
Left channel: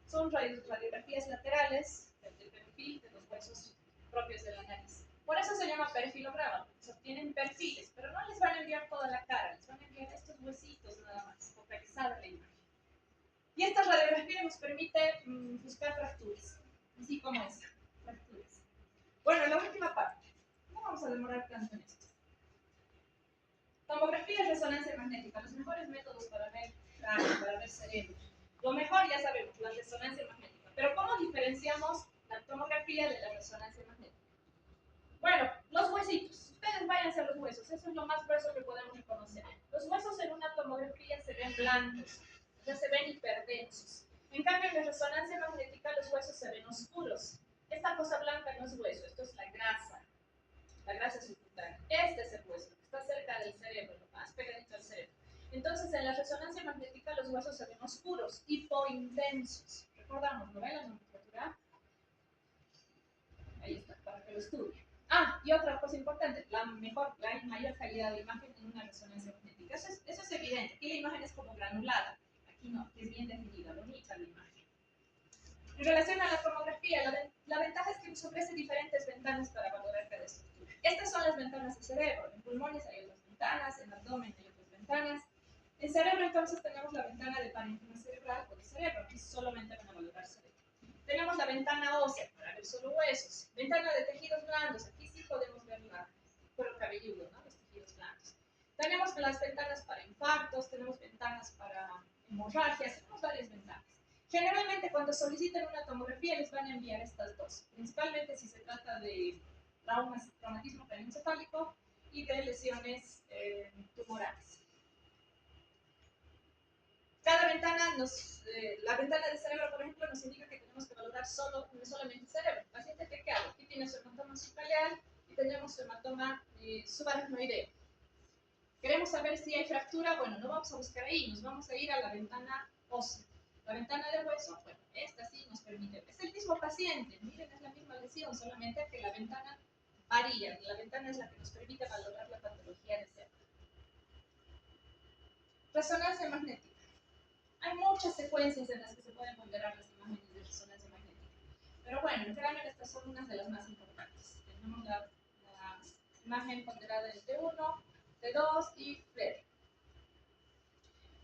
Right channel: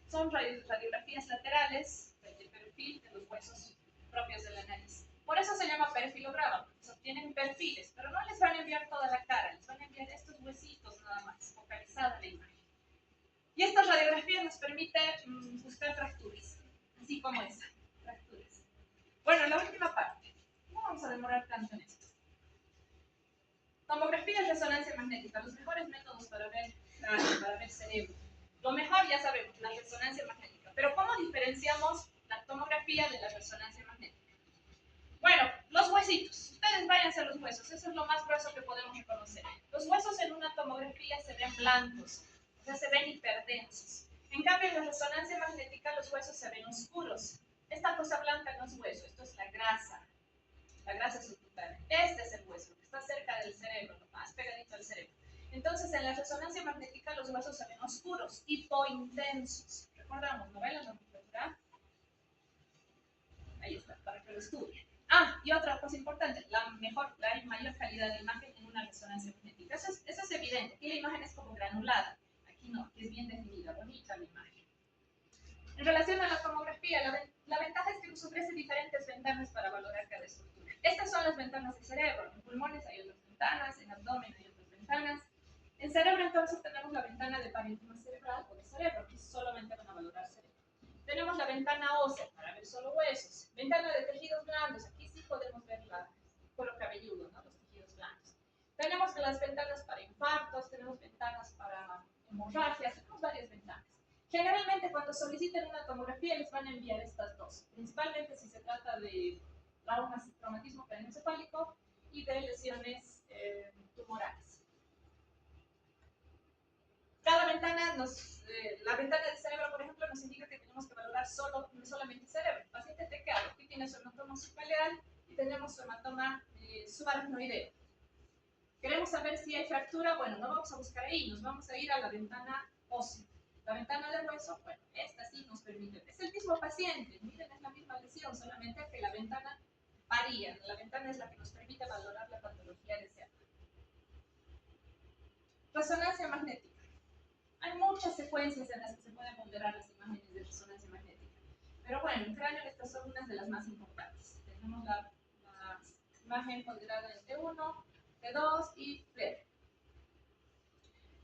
son radiografías laterales del perfil de los huesos propios de la nariz. Por eso se llama perfilograma, porque se obtienen perfiles, pero no les van a enviar toda la cara, les van a enviar estos huesitos nada más, focalizada la imagen. Y esta radiografía nos permite buscar fracturas, así como esa, fracturas. Bueno, la última parte, no vamos a demorar tanto en esto. Tomografía y resonancia magnética, los mejores métodos para ver cráneo, para ver cerebro. Lo mejor ya sabemos, la resonancia magnética. Pero ¿cómo diferenciamos la tomografía de la resonancia magnética? Bueno, los huesitos. Ustedes váyanse a los huesos. Eso es lo más grueso que podemos reconocer. Los huesos en una tomografía se ven blancos, o sea, se ven hiperdensos. En cambio, en la resonancia magnética los huesos se ven oscuros. Esta cosa blanca no es hueso, esto es la grasa subcutánea. Este es el hueso, que está cerca del cerebro, lo más pegadito al cerebro. Entonces, en la resonancia magnética los huesos se ven oscuros, hipointensos. Recordamos, ¿no ven la nomenclatura? Ahí está, para que lo estudien. Ah, y otra cosa importante, la mayor calidad de imagen en una resonancia magnética. Eso es evidente. Aquí la imagen es como granulada. Aquí no, aquí es bien definida, bonita la imagen. En relación a la tomografía, la ventaja es que nos ofrece diferentes ventanas para valorar cada estructura. Estas son las ventanas del cerebro. En pulmones hay otras ventanas, en abdomen hay otras ventanas. En cerebro entonces tenemos la ventana de parénquima cerebral o de cerebro, que solamente van a valorar cerebro. Tenemos la ventana ósea para ver solo huesos. Ventana de tejidos blandos, aquí sí podemos ver el cuero cabelludo, ¿no? Los tejidos blandos. Tenemos las ventanas para infartos, tenemos ventanas para hemorragias, tenemos varias ventanas. Generalmente cuando soliciten una tomografía les van a enviar estas dos, principalmente si se trata de traumatismo craneoencefálico y de lesiones tumorales. Cada ventana la ventana de cerebro, por ejemplo, nos indica que tenemos que valorar solamente el cerebro. El paciente tequeado, aquí tiene su hematoma subcaleal y tenemos su hematoma subaracnoideo. Queremos saber si hay fractura, bueno, no vamos a buscar ahí, nos vamos a ir a la ventana ósea. La ventana de hueso, bueno, esta sí nos permite, es el mismo paciente, miren, es la misma lesión, solamente que la ventana varía, la ventana es la que nos permite valorar la patología deseada. Resonancia magnética. Hay muchas secuencias en las que se pueden ponderar las imágenes de resonancia magnética, pero bueno, en general estas son unas de las más importantes. Tenemos la imagen ponderada en T1, T2 y FLAIR.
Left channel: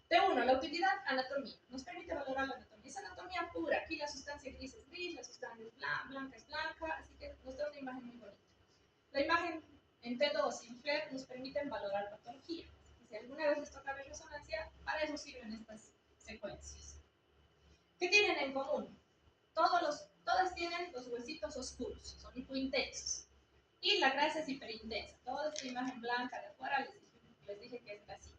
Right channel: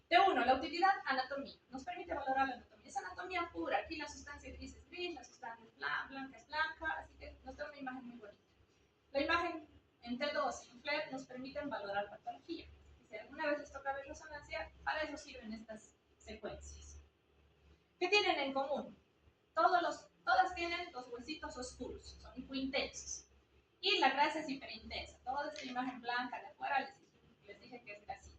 T1, la utilidad, anatomía. Nos permite valorar la anatomía. Es anatomía pura. Aquí la sustancia gris es gris, la sustancia blanca es blanca, así que nos da una imagen muy bonita. La imagen en T2 y en FLAIR nos permiten valorar patología. Si alguna vez les toca ver resonancia, para eso sirven estas secuencias. ¿Qué tienen en común? Todas tienen los huesitos oscuros, son hipointensos. Y la grasa es hiperintensa. Toda esta imagen blanca de afuera les dije que es grasita.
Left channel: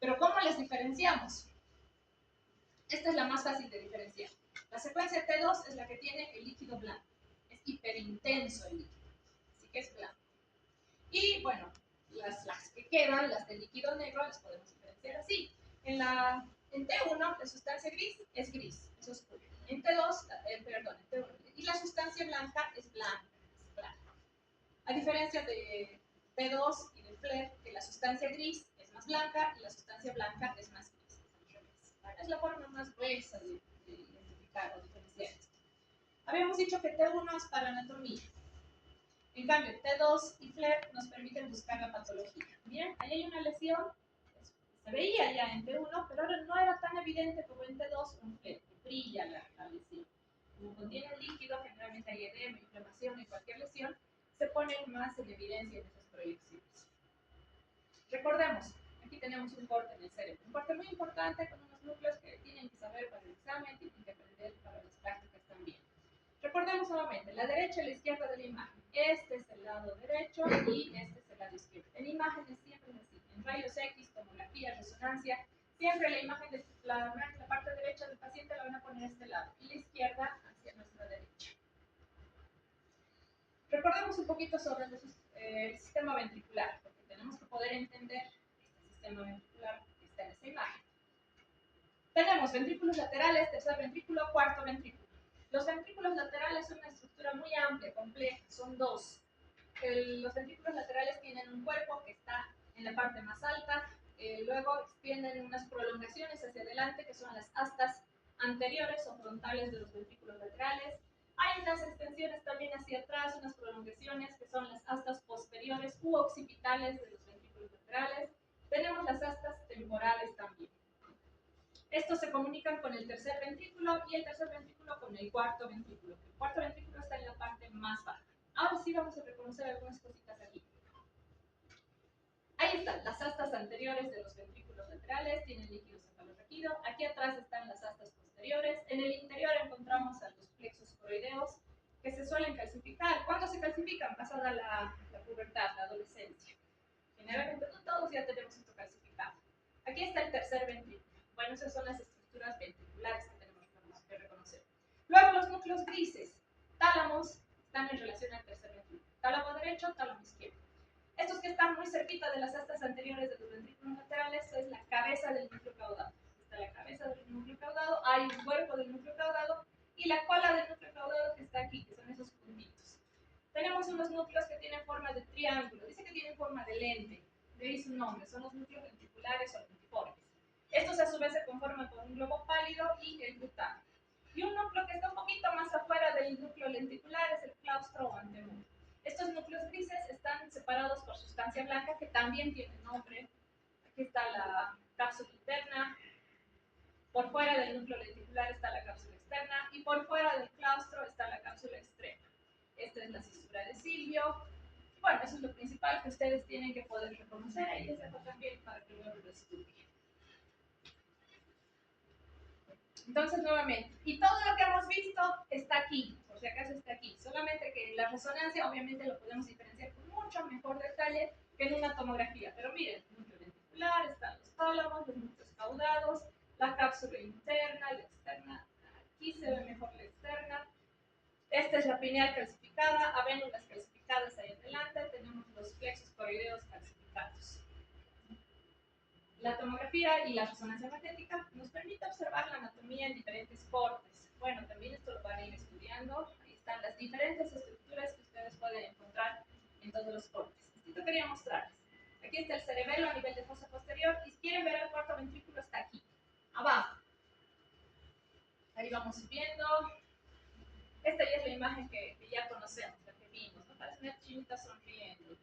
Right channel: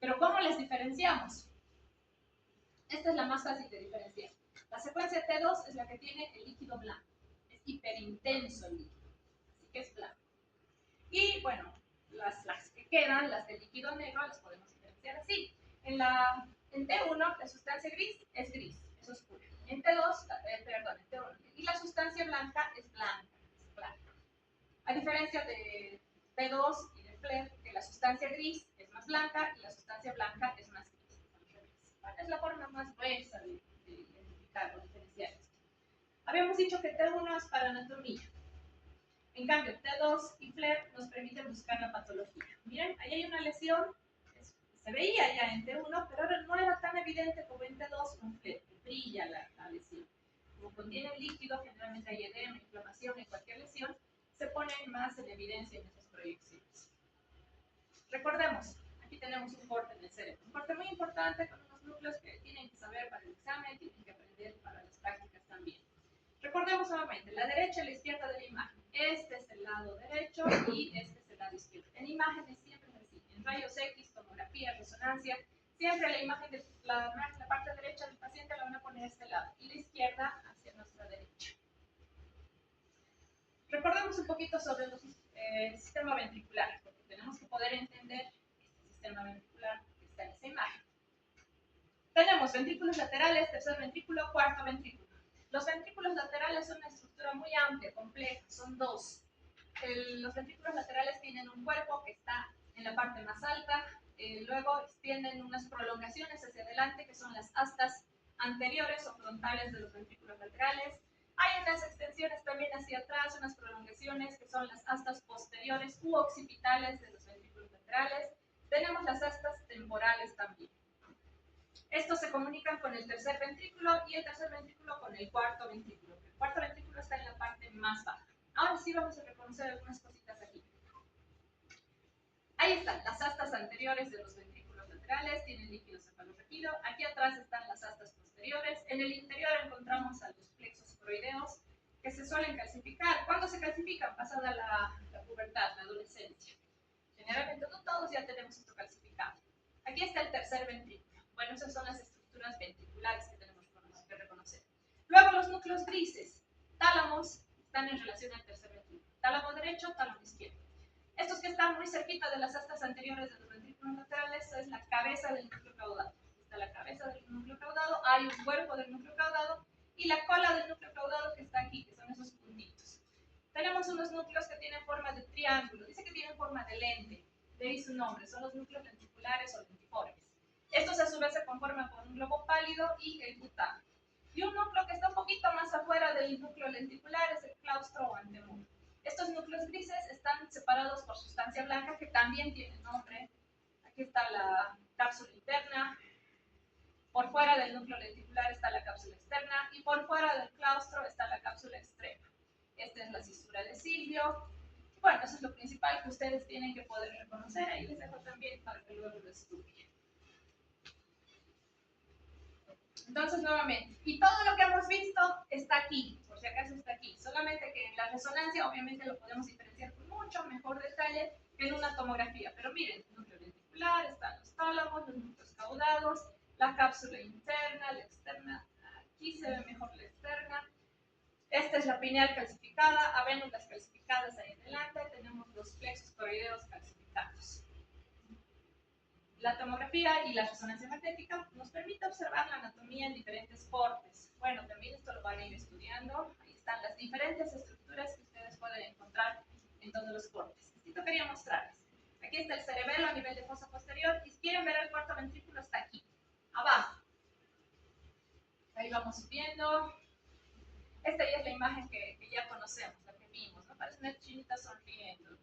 Pero ¿cómo les diferenciamos? Esta es la más fácil de diferenciar. La secuencia T2 es la que tiene el líquido blanco. Es hiperintenso el líquido, así que es blanco. Y bueno, las que quedan, las del líquido negro, las podemos diferenciar así. En T1 la sustancia gris, es oscura. En T2, en T1. Y la sustancia blanca es blanca. A diferencia de T2 y de FLAIR, que la sustancia gris es más blanca y la sustancia blanca es más gris. Es la forma más gruesa de identificar o diferenciar esto. Habíamos dicho que T1 es para anatomía. En cambio, T2 y FLAIR nos permiten buscar la patología. Miren, ahí hay una lesión, se veía ya en T1, pero ahora no era tan evidente como en T2 o en FLAIR, brilla la lesión. Como contiene líquido, generalmente hay edema, inflamación en cualquier lesión, se ponen más en evidencia en esas proyecciones. Recordemos, aquí tenemos un corte en el cerebro, un corte muy importante con unos núcleos que tienen que saber para el examen, tienen que aprender para las prácticas también. Recordemos nuevamente, la derecha y la izquierda de la imagen. Este es el lado derecho y este es el lado izquierdo. En imágenes siempre es así, en rayos X, tomografía, resonancia, siempre la imagen de la parte derecha del paciente la van a poner a este lado y la izquierda hacia nuestra derecha. Recordemos un poquito sobre el sistema ventricular, porque tenemos que poder entender este sistema ventricular que está en esa imagen. Tenemos ventrículos laterales, tercer ventrículo, cuarto ventrículo. Los ventrículos laterales son una estructura muy amplia, compleja, son dos. Los ventrículos laterales tienen un cuerpo que está en la parte más alta, luego extienden unas prolongaciones hacia adelante, que son las astas anteriores o frontales de los ventrículos laterales. Hay unas extensiones también hacia atrás, unas prolongaciones que son las astas posteriores u occipitales de los ventrículos laterales. Tenemos las astas temporales también. Estos se comunican con el tercer ventrículo y el tercer ventrículo con el cuarto ventrículo. El cuarto ventrículo está en la parte más baja. Ahora sí vamos a reconocer algunas cositas aquí. Ahí están las astas anteriores de los ventrículos laterales, tienen líquido cefalorraquídeo. Aquí atrás están las astas posteriores. En el interior encontramos a los plexos coroideos que se suelen calcificar. ¿Cuándo se calcifican? Pasado avanzada la pubertad, la adolescencia. Generalmente no todos ya tenemos esto calcificado. Aquí está el tercer ventrículo. Bueno, esas son las estructuras ventriculares que tenemos que reconocer. Luego los núcleos grises, tálamos, están en relación al tercer ventrículo. Tálamo derecho, tálamo izquierdo. Estos que están muy cerquita de las astas anteriores de los ventrículos laterales es la cabeza del núcleo caudado. Está la cabeza del núcleo caudado, hay un cuerpo del núcleo caudado y la cola del núcleo caudado que está aquí, que son esos puntitos. Tenemos unos núcleos que tienen forma de triángulo, dice que tienen forma de lente, de ahí su nombre, son los núcleos ventriculares o lentiformes. Estos a su vez se conforman por un globo pálido y el butano. Y un núcleo que está un poquito más afuera del núcleo lenticular es el claustro o antemuro. Estos núcleos grises están separados por sustancia blanca que también tiene nombre. Aquí está la cápsula interna, por fuera del núcleo lenticular está la cápsula externa y por fuera del claustro está la cápsula externa. Esta es la cisura de Silvio. Bueno, eso es lo principal que ustedes tienen que poder reconocer. Ahí les dejo también para que luego lo estudien. Entonces, nuevamente, y todo lo que hemos visto está aquí, por si acaso está aquí. Solamente que en la resonancia, obviamente, lo podemos diferenciar con mucho mejor detalle que en una tomografía. Pero miren, el núcleo lenticular, están los tálamos, los núcleos caudados, la cápsula interna, la externa. Aquí se ve mejor la externa. Esta es la pineal calcificada, avénulas calcificadas ahí adelante, tenemos los plexos coroideos calcificados. La tomografía y la resonancia magnética nos permite observar la anatomía en diferentes cortes. Bueno, también esto lo van a ir estudiando. Ahí están las diferentes estructuras que ustedes pueden encontrar en todos los cortes. Esto quería mostrarles. Aquí está el cerebelo a nivel de fosa posterior y si quieren ver el cuarto ventrículo está aquí, abajo. Ahí vamos subiendo. Esta ya es la imagen que ya conocemos, la que vimos, ¿no? Parece una chinita sonriendo.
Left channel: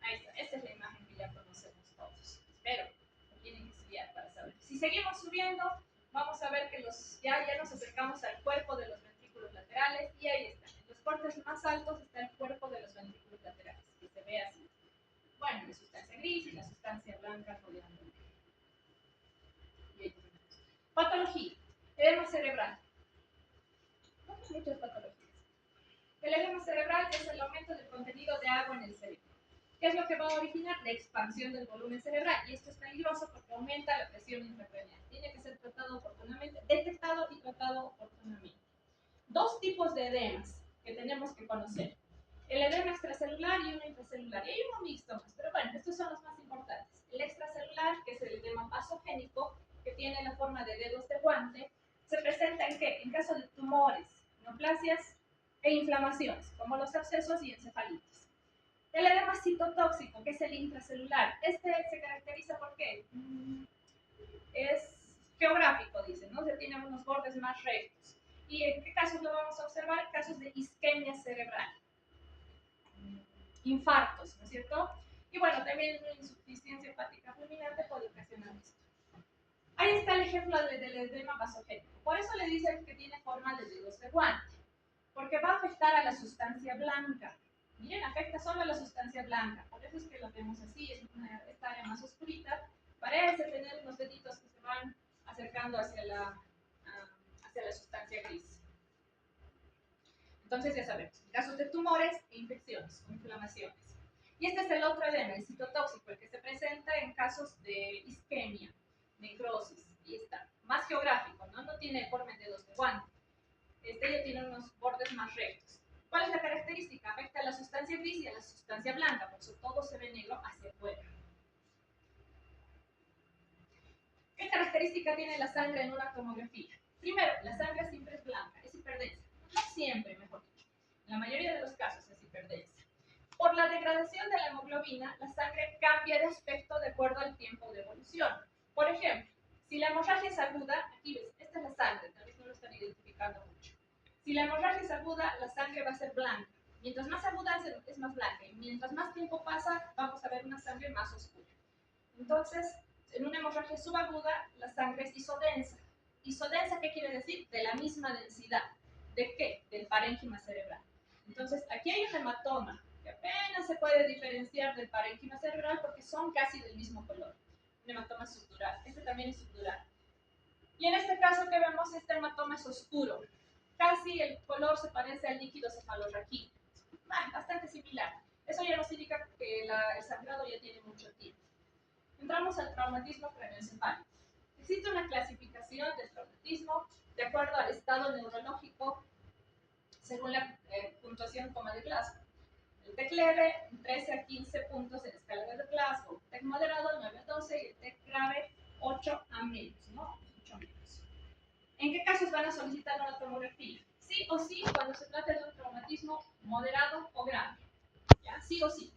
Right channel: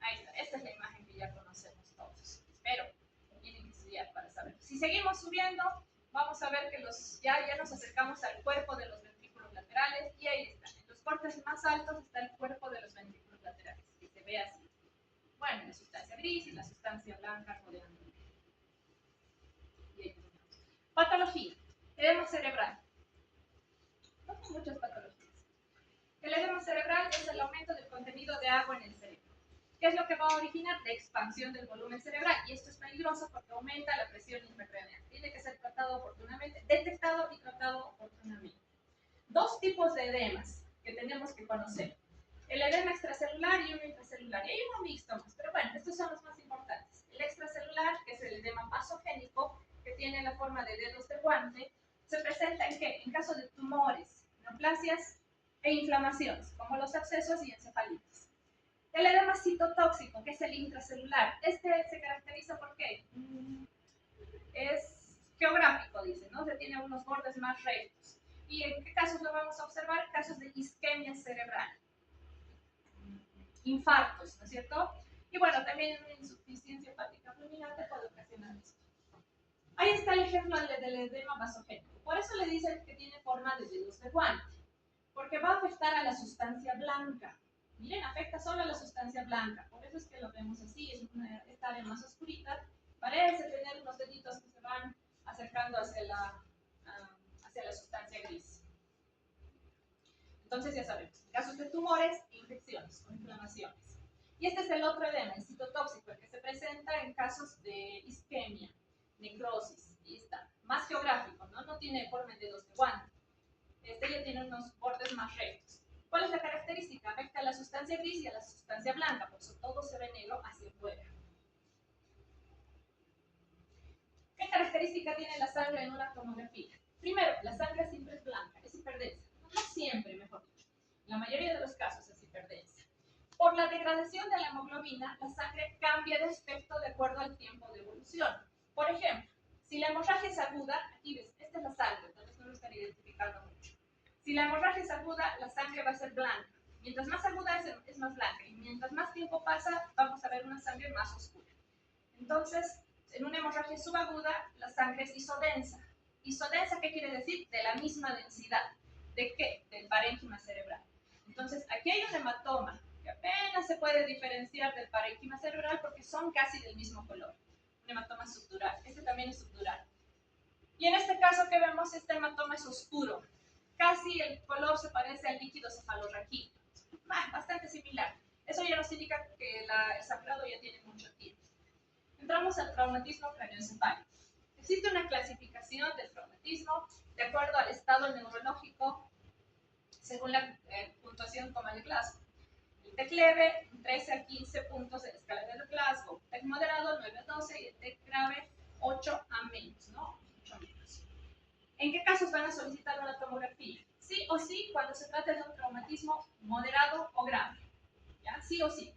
Ahí está, esta es la imagen que ya conocemos todos. Espero que tienen que estudiar para saber. Si seguimos subiendo, vamos a ver que ya nos acercamos al cuerpo de los ventrículos laterales y ahí están. En los cortes más altos está el cuerpo de los ventrículos laterales, que se ve así. Bueno, la sustancia gris y la sustancia blanca rodeando. Patología. Edema cerebral. Muchas patologías. El edema cerebral es el aumento del contenido de agua en el cerebro. ¿Qué es lo que va a originar? La expansión del volumen cerebral. Y esto es peligroso porque aumenta la presión intracraneal. Tiene que ser tratado oportunamente, detectado y tratado oportunamente. Dos tipos de edemas que tenemos que conocer. El edema extracelular y uno intracelular. Y hay uno mixto más, pero bueno, estos son los más importantes. El extracelular, que es el edema vasogénico, que tiene la forma de dedos de guante, se presenta ¿en qué? En caso de tumores, neoplasias e inflamaciones, como los abscesos y encefalitis. El edema citotóxico, que es el intracelular, este se caracteriza por qué? Es geográfico, dicen, ¿no? Se tiene unos bordes más rectos. ¿Y en qué casos lo vamos a observar? Casos de isquemia cerebral, infartos, ¿no es cierto? Y bueno, también una insuficiencia hepática fulminante puede ocasionar esto. Ahí está el ejemplo del edema vasogénico. Por eso le dicen que tiene forma de dedos de guante, porque va a afectar a la sustancia blanca. Miren, afecta solo a la sustancia blanca, por eso es que lo vemos así, es esta área más oscurita, parece tener unos deditos que se van acercando hacia la sustancia gris. Entonces ya sabemos, casos de tumores e infecciones o inflamaciones. Y este es el otro edema, el citotóxico, el que se presenta en casos de isquemia, necrosis, y está, más geográfico, ¿no? No tiene forma de dedos de guante. Este ya tiene unos bordes más rectos. ¿Cuál es la característica? Afecta a la sustancia gris y a la sustancia blanca, por eso todo se ve negro hacia afuera. ¿Qué característica tiene la sangre en una tomografía? Primero, la sangre siempre es blanca, es hiperdensa. No siempre, mejor dicho. En la mayoría de los casos es hiperdensa. Por la degradación de la hemoglobina, la sangre cambia de aspecto de acuerdo al tiempo de evolución. Por ejemplo, si la hemorragia es aguda, aquí ves, esta es la sangre, tal vez no lo están identificando mucho. Si la hemorragia es aguda, la sangre va a ser blanca. Mientras más aguda es más blanca. Y mientras más tiempo pasa, vamos a ver una sangre más oscura. Entonces, en una hemorragia subaguda, la sangre es isodensa. ¿Isodensa qué quiere decir? De la misma densidad. ¿De qué? Del parénquima cerebral. Entonces, aquí hay un hematoma que apenas se puede diferenciar del parénquima cerebral porque son casi del mismo color. Un hematoma subdural. Este también es subdural. Y en este caso que vemos, este hematoma es oscuro. Casi el color se parece al líquido cefalorraquídeo. bastante similar. Eso ya nos indica que el sangrado ya tiene mucho tiempo. Entramos al traumatismo craneoencefálico. Existe una clasificación del traumatismo de acuerdo al estado neurológico según la puntuación coma de Glasgow. El TEC leve, 13 a 15 puntos en la escala de Glasgow. TEC moderado, 9 a 12 y el TEC grave, 8 a menos, ¿no? 8 a menos. ¿En qué casos van a solicitar una tomografía? Sí o sí cuando se trata de un traumatismo moderado o grave. ¿Ya? Sí o sí.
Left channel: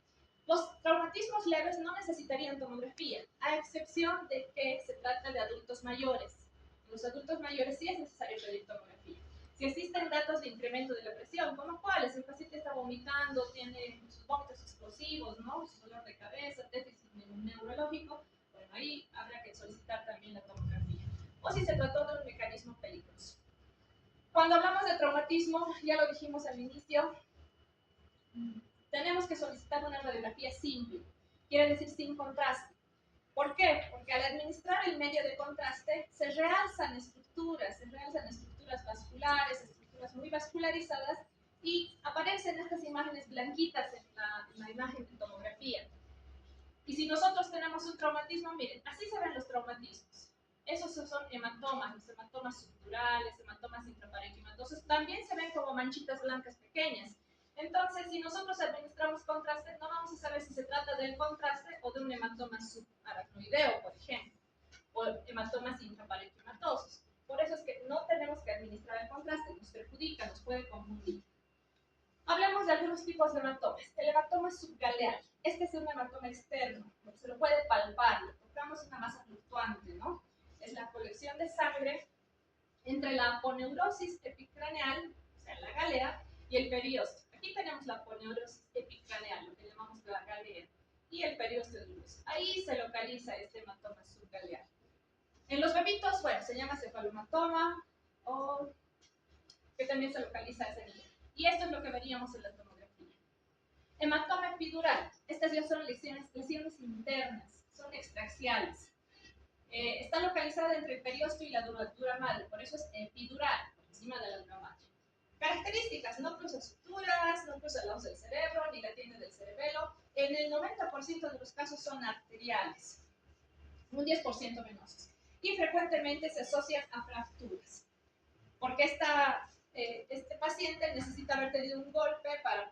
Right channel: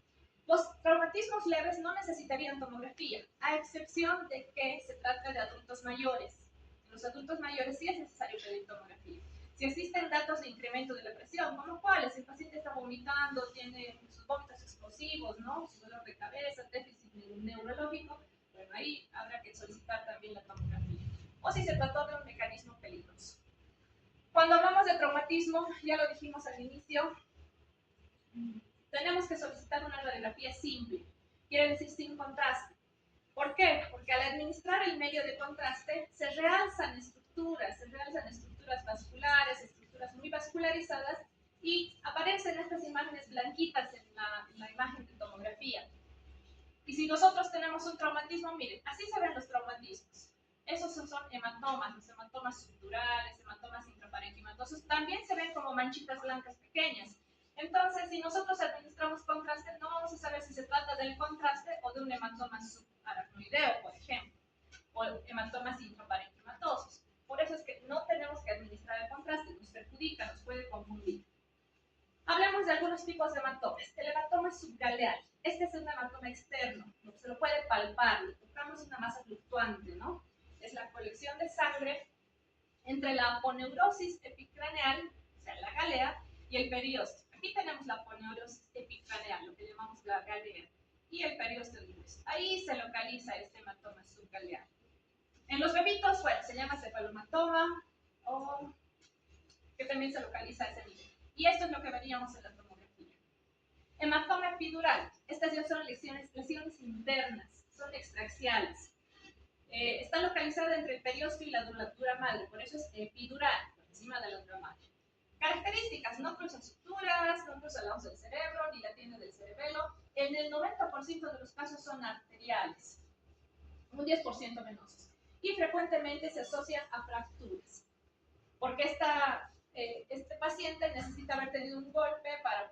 Los traumatismos leves no necesitarían tomografía, a excepción de que se trata de adultos mayores. En los adultos mayores sí es necesario pedir tomografía. Si existen datos de incremento de la presión, como cuáles, el paciente está vomitando, tiene sus vómitos explosivos, ¿no? Su dolor de cabeza, déficit neurológico, bueno, ahí habrá que solicitar también la tomografía. O si se trató de un mecanismo peligroso. Cuando hablamos de traumatismo, ya lo dijimos al inicio, tenemos que solicitar una radiografía simple, quiere decir sin contraste. ¿Por qué? Porque al administrar el medio de contraste se realzan estructuras vasculares, estructuras muy vascularizadas y aparecen estas imágenes blanquitas en la imagen de tomografía. Y si nosotros tenemos un traumatismo, miren, así se ven los traumatismos. Esos son hematomas, los hematomas subdurales, hematomas intraparenquimatosos, también se ven como manchitas blancas pequeñas. Entonces, si nosotros administramos contraste, no vamos a saber si se trata del contraste o de un hematoma subaracnoideo, por ejemplo, o hematomas intraparenquimatosos. Por eso es que no tenemos que administrar el contraste, nos perjudica, nos puede confundir. Hablemos de algunos tipos de hematomas. El hematoma subgaleal. Este es un hematoma externo, se lo puede palpar, lo tocamos una masa fluctuante, ¿no? Es la colección de sangre entre la aponeurosis epicraneal, o sea, la galea, y el periósteo. Aquí tenemos la aponeurosis epicraneal, lo que llamamos la galea, y el periósteo grueso. Ahí se localiza este hematoma subgaleal. En los bebitos, bueno, se llama cefalomatoma, o que también se localiza a ese nivel. Y esto es lo que veríamos en la tomografía. Hematoma epidural. Estas ya son lesiones internas, son extraxiales. Está localizada entre el periósteo y la dura madre, por eso es epidural, por encima de la dura madre. Características: no cruza suturas, no cruza la hoz del cerebro, ni la tiene del cerebelo. En el 90% de los casos son arteriales, un 10% venosos. Y frecuentemente se asocian a fracturas, porque este paciente necesita haber tenido un golpe para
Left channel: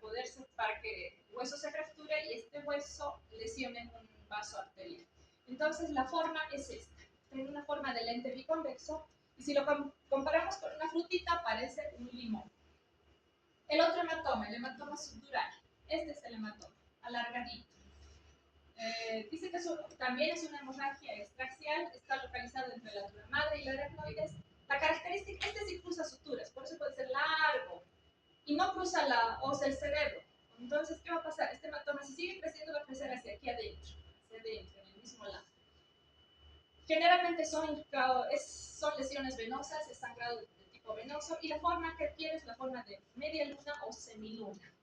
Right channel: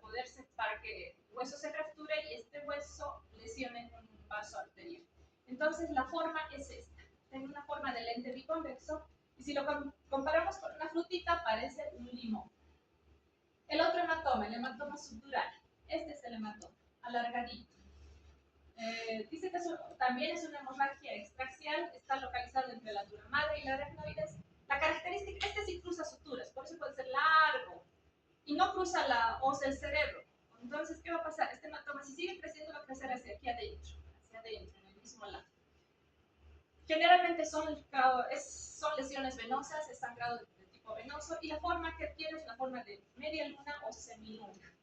que el hueso se fracture y este hueso lesione un vaso arterial. Entonces la forma es esta, tiene una forma de lente biconvexo y si lo comparamos con una frutita parece un limón. El otro hematoma, el hematoma subdural, este es el hematoma, alargadito. Dice que también es una hemorragia extraxial, está localizado entre la dura madre y la aracnoides. La característica, este sí cruza suturas, por eso puede ser largo y no cruza la hoz del cerebro. Entonces, ¿qué va a pasar? Este hematoma, si sigue creciendo, va a crecer hacia aquí adentro, en el mismo lado. Generalmente son lesiones venosas, es sangrado de tipo venoso y la forma que adquiere es la forma de media luna o semiluna.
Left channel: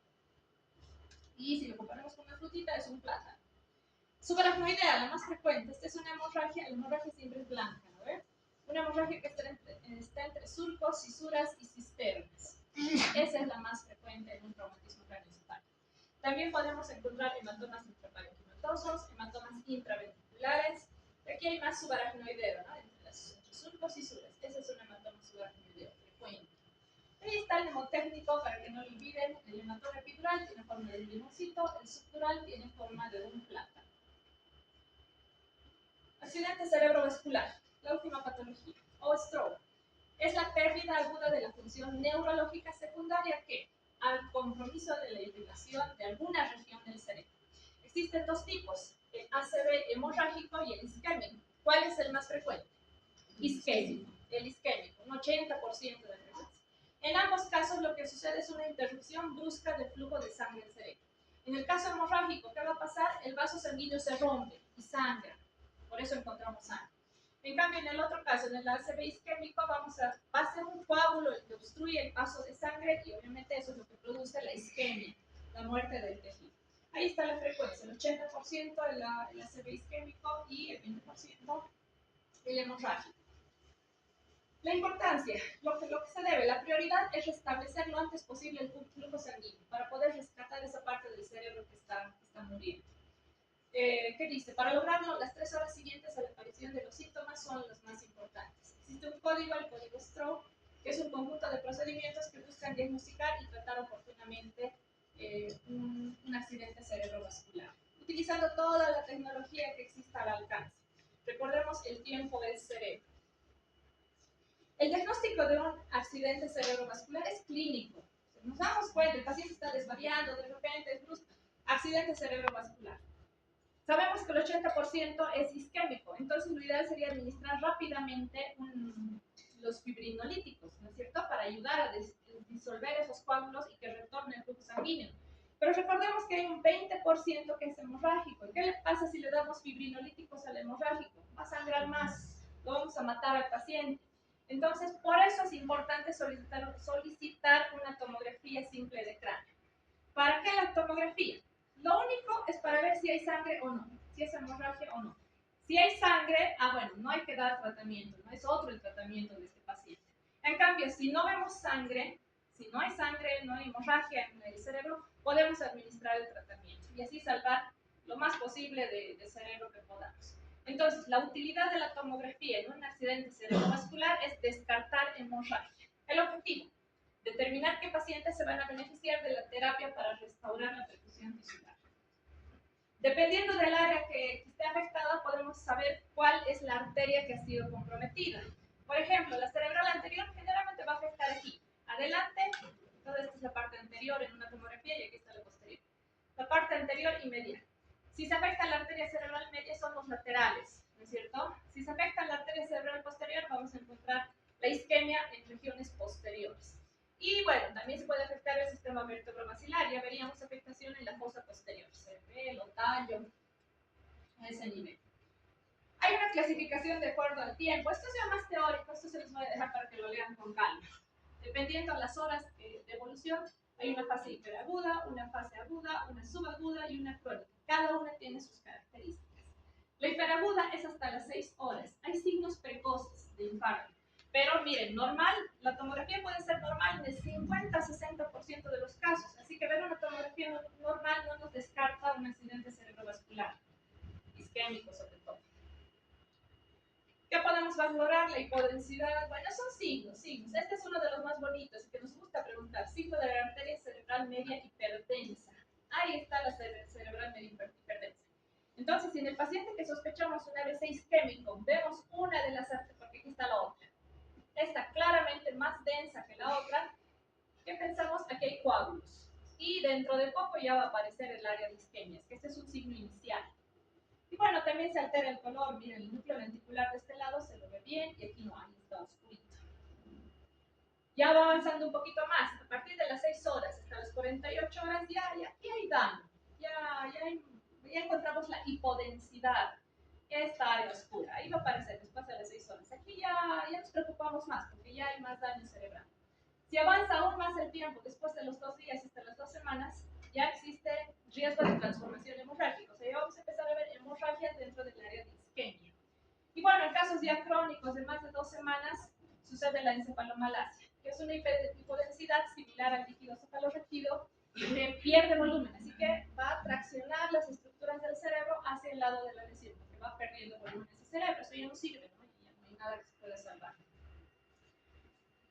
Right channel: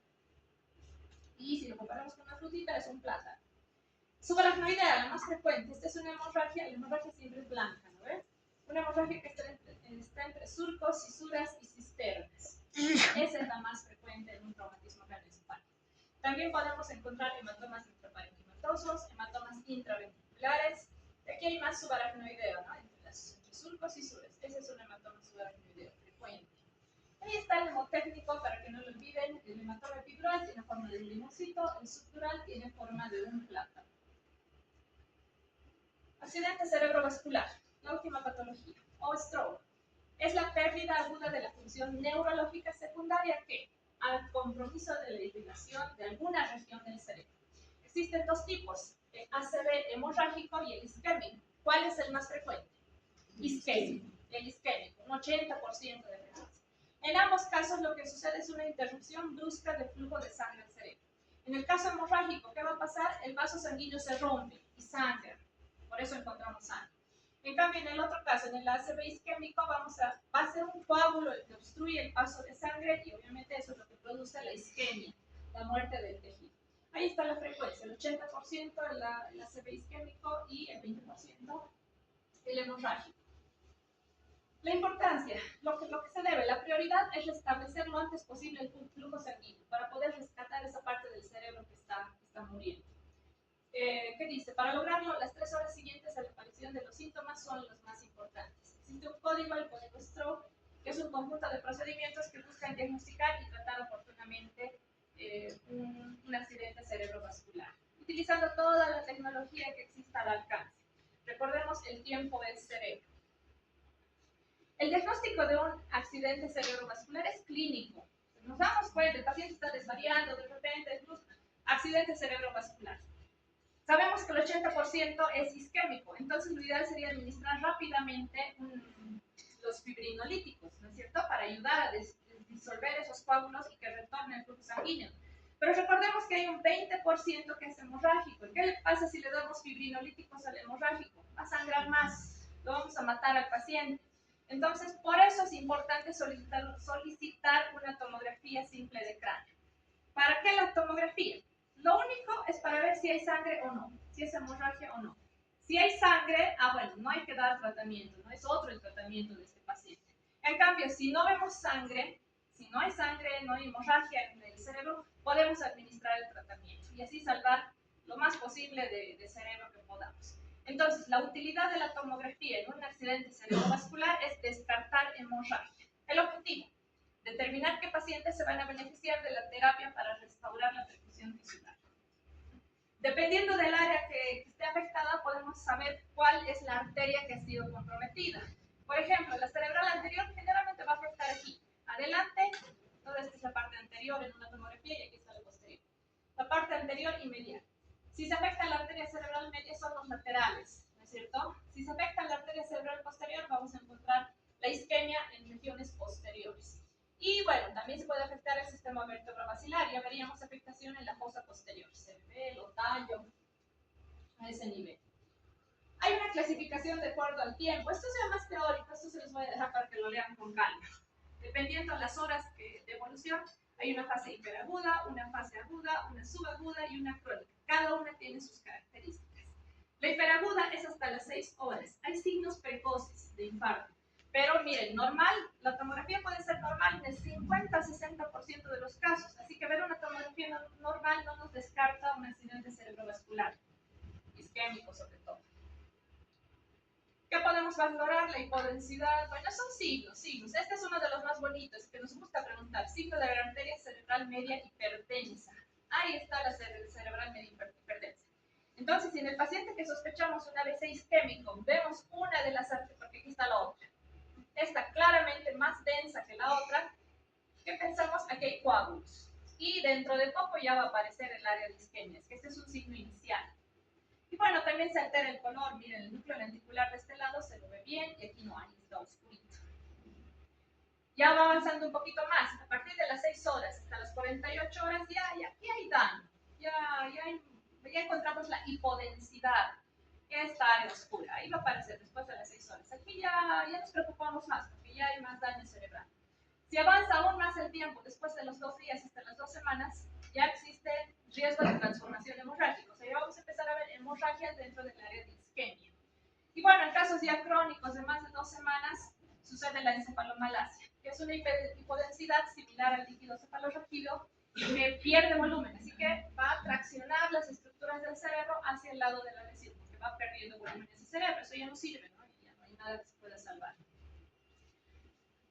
Y si lo comparamos con una frutita, es un plátano. Subaracnoidea, la más frecuente. Esta es una hemorragia, la hemorragia siempre es blanca, ¿no ves? Una hemorragia que está entre surcos, fisuras y cisternas. Esa es la más frecuente en un traumatismo craneoencefálico. También podemos encontrar hematomas intraparenquimatosos, hematomas intraventriculares. Aquí hay más subaracnoideo, ¿no? Entre surcos y fisuras. Ese es un hematoma subaracnoideo frecuente. Ahí está el hemotécnico, para que no lo olviden. El hematoma epidural tiene forma de un limoncito, el subdural tiene forma de un plátano. Accidente cerebrovascular, la última patología, o stroke. Es la pérdida aguda de la función neurológica secundaria que, al compromiso de la irrigación de alguna región del cerebro. Existen dos tipos, el ACV hemorrágico y el isquémico. ¿Cuál es el más frecuente? Isquémico, el isquémico, un 80% de frecuencia. En ambos casos lo que sucede es una interrupción brusca del flujo de sangre al cerebro. En el caso hemorrágico, ¿qué va a pasar? El vaso sanguíneo se rompe y sangra. Por eso encontramos sangre. En cambio, en el otro caso, en el ACV isquémico, va a ser un coágulo que obstruye el paso de sangre y obviamente eso es lo que produce la isquemia, la muerte del tejido. Ahí está la frecuencia, el 80% el ACV isquémico y el 20% el hemorrágico. La importancia, lo que se debe, la prioridad es restablecer lo antes posible el flujo sanguíneo para poder rescatar esa parte del cerebro que está muriendo. ¿Qué dice? Para lograrlo, las 3 horas siguientes a la aparición de los síntomas son las más importantes. Existe un código, el código Stroke, que es un conjunto de procedimientos que buscan diagnosticar y tratar oportunamente un accidente cerebrovascular, utilizando toda la tecnología que exista al alcance. Recordemos, el tiempo es cerebro. El diagnóstico de un accidente cerebrovascular es clínico. Nos damos cuenta, el paciente está desvariando, de repente, accidente cerebrovascular. Sabemos que el 80% es isquémico, entonces lo ideal sería administrar rápidamente los fibrinolíticos, ¿no es cierto?, para ayudar a disolver esos coágulos y que retorne el flujo sanguíneo. Pero recordemos que hay un 20% que es hemorrágico. ¿Qué le pasa si le damos fibrinolíticos al hemorrágico? Va a sangrar más, lo vamos a matar al paciente. Entonces, por eso es importante solicitar una tomografía simple de cráneo. ¿Para qué la tomografía? Lo único es para ver si hay sangre o no, si es hemorragia o no. Si hay sangre, bueno, no hay que dar tratamiento, no es otro el tratamiento de este paciente. En cambio, si no vemos sangre, si no hay sangre, no hay hemorragia en el cerebro, podemos administrar el tratamiento y así salvar lo más posible de cerebro que podamos. Entonces, la utilidad de la tomografía en un accidente cerebrovascular es descartar hemorragia. El objetivo: determinar qué pacientes se van a beneficiar de la terapia para restaurar la perfusión tisular. Dependiendo del área que esté afectada, podemos saber cuál es la arteria que ha sido comprometida. Por ejemplo, la cerebral anterior generalmente va a afectar aquí, adelante, toda esta es la parte anterior en una tomografía y aquí está la posterior. La parte anterior y medial. Si se afecta la arteria cerebral media son los laterales, ¿no es cierto? Si se afecta la arteria cerebral posterior, vamos a encontrar la isquemia en regiones posteriores. Y bueno, también se puede afectar el sistema vertebrovascular, ya veríamos afectación en la fosa posterior, cerebelo, tallo, a ese nivel. Hay una clasificación de acuerdo al tiempo, esto es ya más teórico, esto se los voy a dejar para que lo lean con calma. Dependiendo de las horas de evolución, hay una fase hiperaguda, una fase aguda, una subaguda y una crónica. Cada una tiene sus características. La hiperaguda es hasta las 6 horas. Hay signos precoces de infarto. Pero miren, normal, la tomografía puede ser normal en el 50-60% de los casos. Así que ver una tomografía normal no nos descarta un accidente cerebrovascular, isquémico sobre todo. ¿Qué podemos valorar? La hipodensidad. Bueno, son signos. Este es uno de los más bonitos que nos gusta preguntar. Signo de la arteria cerebral media hipertensa. Ahí está la cerebral media hipertensa. Entonces, si en el paciente que sospechamos un AVC isquémico vemos una de las arterias, porque aquí está la otra, esta claramente más densa que la otra, ¿qué pensamos? Aquí hay coágulos. Y dentro de poco ya va a aparecer el área de isquemias, que este es un signo inicial. Y bueno, también se altera el color. Miren, el núcleo lenticular de este lado se lo ve bien y aquí no hay, está oscurito. Ya va avanzando un poquito más. A partir de las 6 horas hasta las 48 horas ya hay daño. Ya encontramos la hipodensidad. Esta área oscura, ahí va a aparecer después de las 6 horas. Aquí ya nos preocupamos más porque ya hay más daño cerebral. Si avanza aún más el tiempo, después de los 2 días hasta las 2 semanas, ya existe riesgo de transformación hemorrágica. O sea, ya vamos a empezar a ver hemorragias dentro del área de isquemia. Y bueno, en casos ya crónicos de más de 2 semanas, sucede la encefalomalacia, que es una hipodensidad similar al líquido cefalorraquídeo que pierde volumen, así que va a traccionar las estructuras del cerebro hacia el lado de la lesión, porque va perdiendo volumen ese cerebro. Eso ya no sirve, ¿no? Ya no hay nada que se pueda salvar.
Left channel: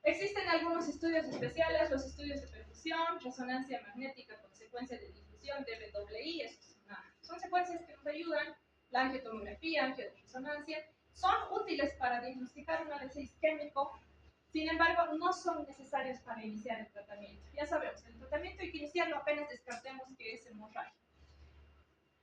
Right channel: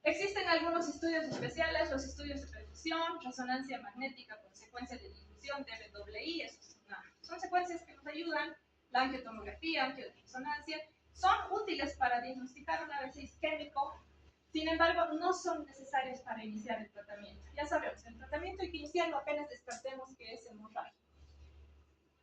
Existen algunos estudios especiales, los estudios de perfusión, resonancia magnética con secuencia de difusión, DBWI, son secuencias que nos ayudan, la angiotomografía, angioresonancia, son útiles para diagnosticar un AVC isquémico, sin embargo, no son necesarios para iniciar el tratamiento. Ya sabemos, el tratamiento hay que iniciarlo apenas descartemos que es hemorragia.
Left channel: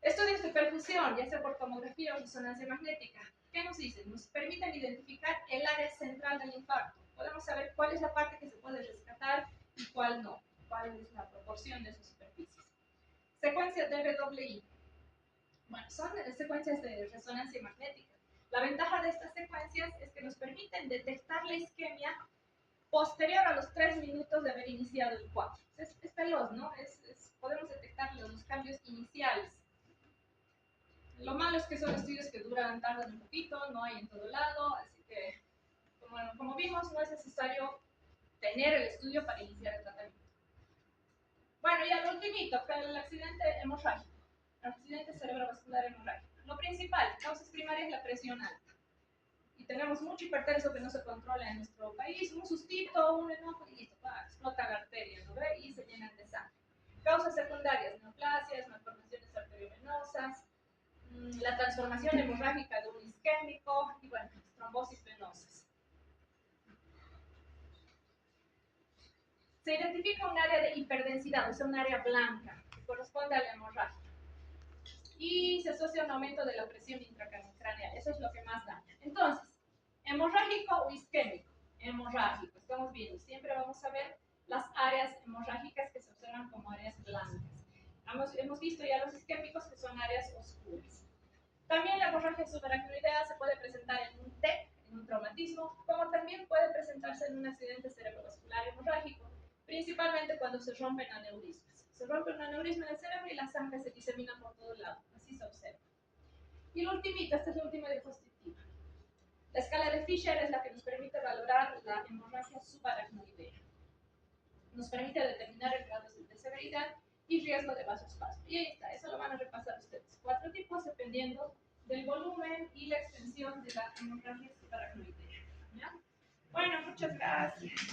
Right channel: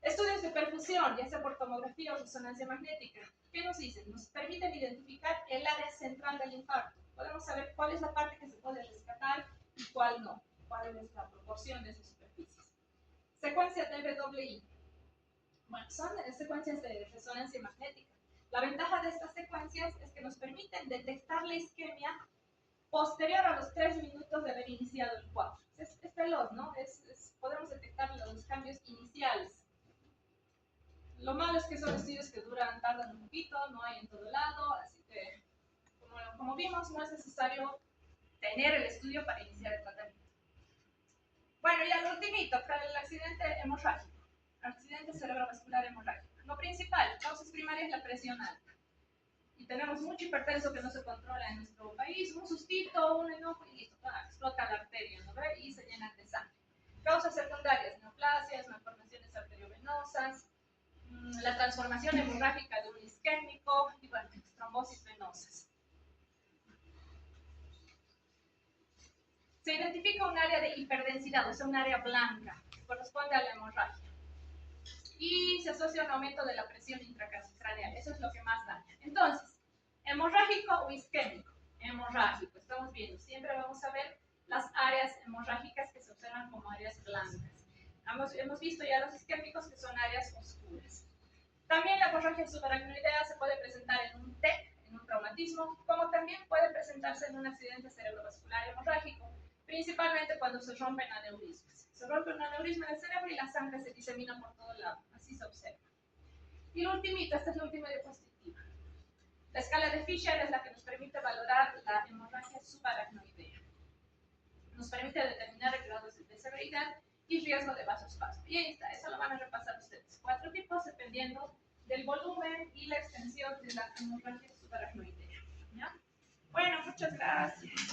Estudios de perfusión, ya sea por tomografía o resonancia magnética, ¿qué nos dicen? Nos permiten identificar el área central del infarto. Podemos saber cuál es la parte que se puede rescatar y cuál no, cuál es la proporción de esas superficies. Secuencia DBWI. Bueno, son secuencias de resonancia magnética. La ventaja de estas secuencias es que nos permiten detectar la isquemia posterior a los 3 minutos de haber iniciado el cuadro. Es veloz, ¿no? Podemos detectar los cambios iniciales. Lo malo es que son estudios que tardan un poquito, no hay en todo lado, así que, como vimos, tenemos, no es necesario tener el estudio para iniciar el tratamiento. Bueno, ya lo ultimito, el accidente hemorrágico, accidente cerebrovascular hemorrágico. Lo principal, causas primarias, la presión alta. Y tenemos mucho hipertenso que no se controla en nuestro país, un sustito, un enojo y listo, explota la arteria, ¿no ve? Y se llenan de sangre. Causas secundarias, neoplasias, malformaciones arteriovenosas, la transformación hemorrágica de un isquémico y bueno, trombosis venosas. Se identifica un área de hiperdensidad, o sea, un área blanca, que corresponde a la hemorragia. Y se asocia a un aumento de la presión intracraneal, eso es lo que más daña. Entonces, hemorrágico o isquémico. Hemorrágico, estamos viendo, siempre vamos a ver las áreas hemorrágicas que se observan como áreas blancas. Hemos visto ya los isquémicos que son áreas oscuras. También la hemorragia subaracnoidea se puede presentar en un TEC, en un traumatismo, como también puede presentarse en un accidente cerebrovascular hemorrágico, principalmente cuando se rompen aneurismas. Se rompe un aneurisma en el cerebro y la sangre se disemina por todo lado, así se observa. Y lo ultimito, esta es la última diapositiva. La escala de Fisher es la que nos permite valorar la hemorragia subaracnoidea. Nos permite determinar el grado de severidad y riesgo de vasospasmo. Y ahí está, eso lo van a repasar ustedes. 4 tipos dependiendo del volumen y la extensión de la hemorragia subaracnoidea. ¿Ya? Bueno, muchas gracias.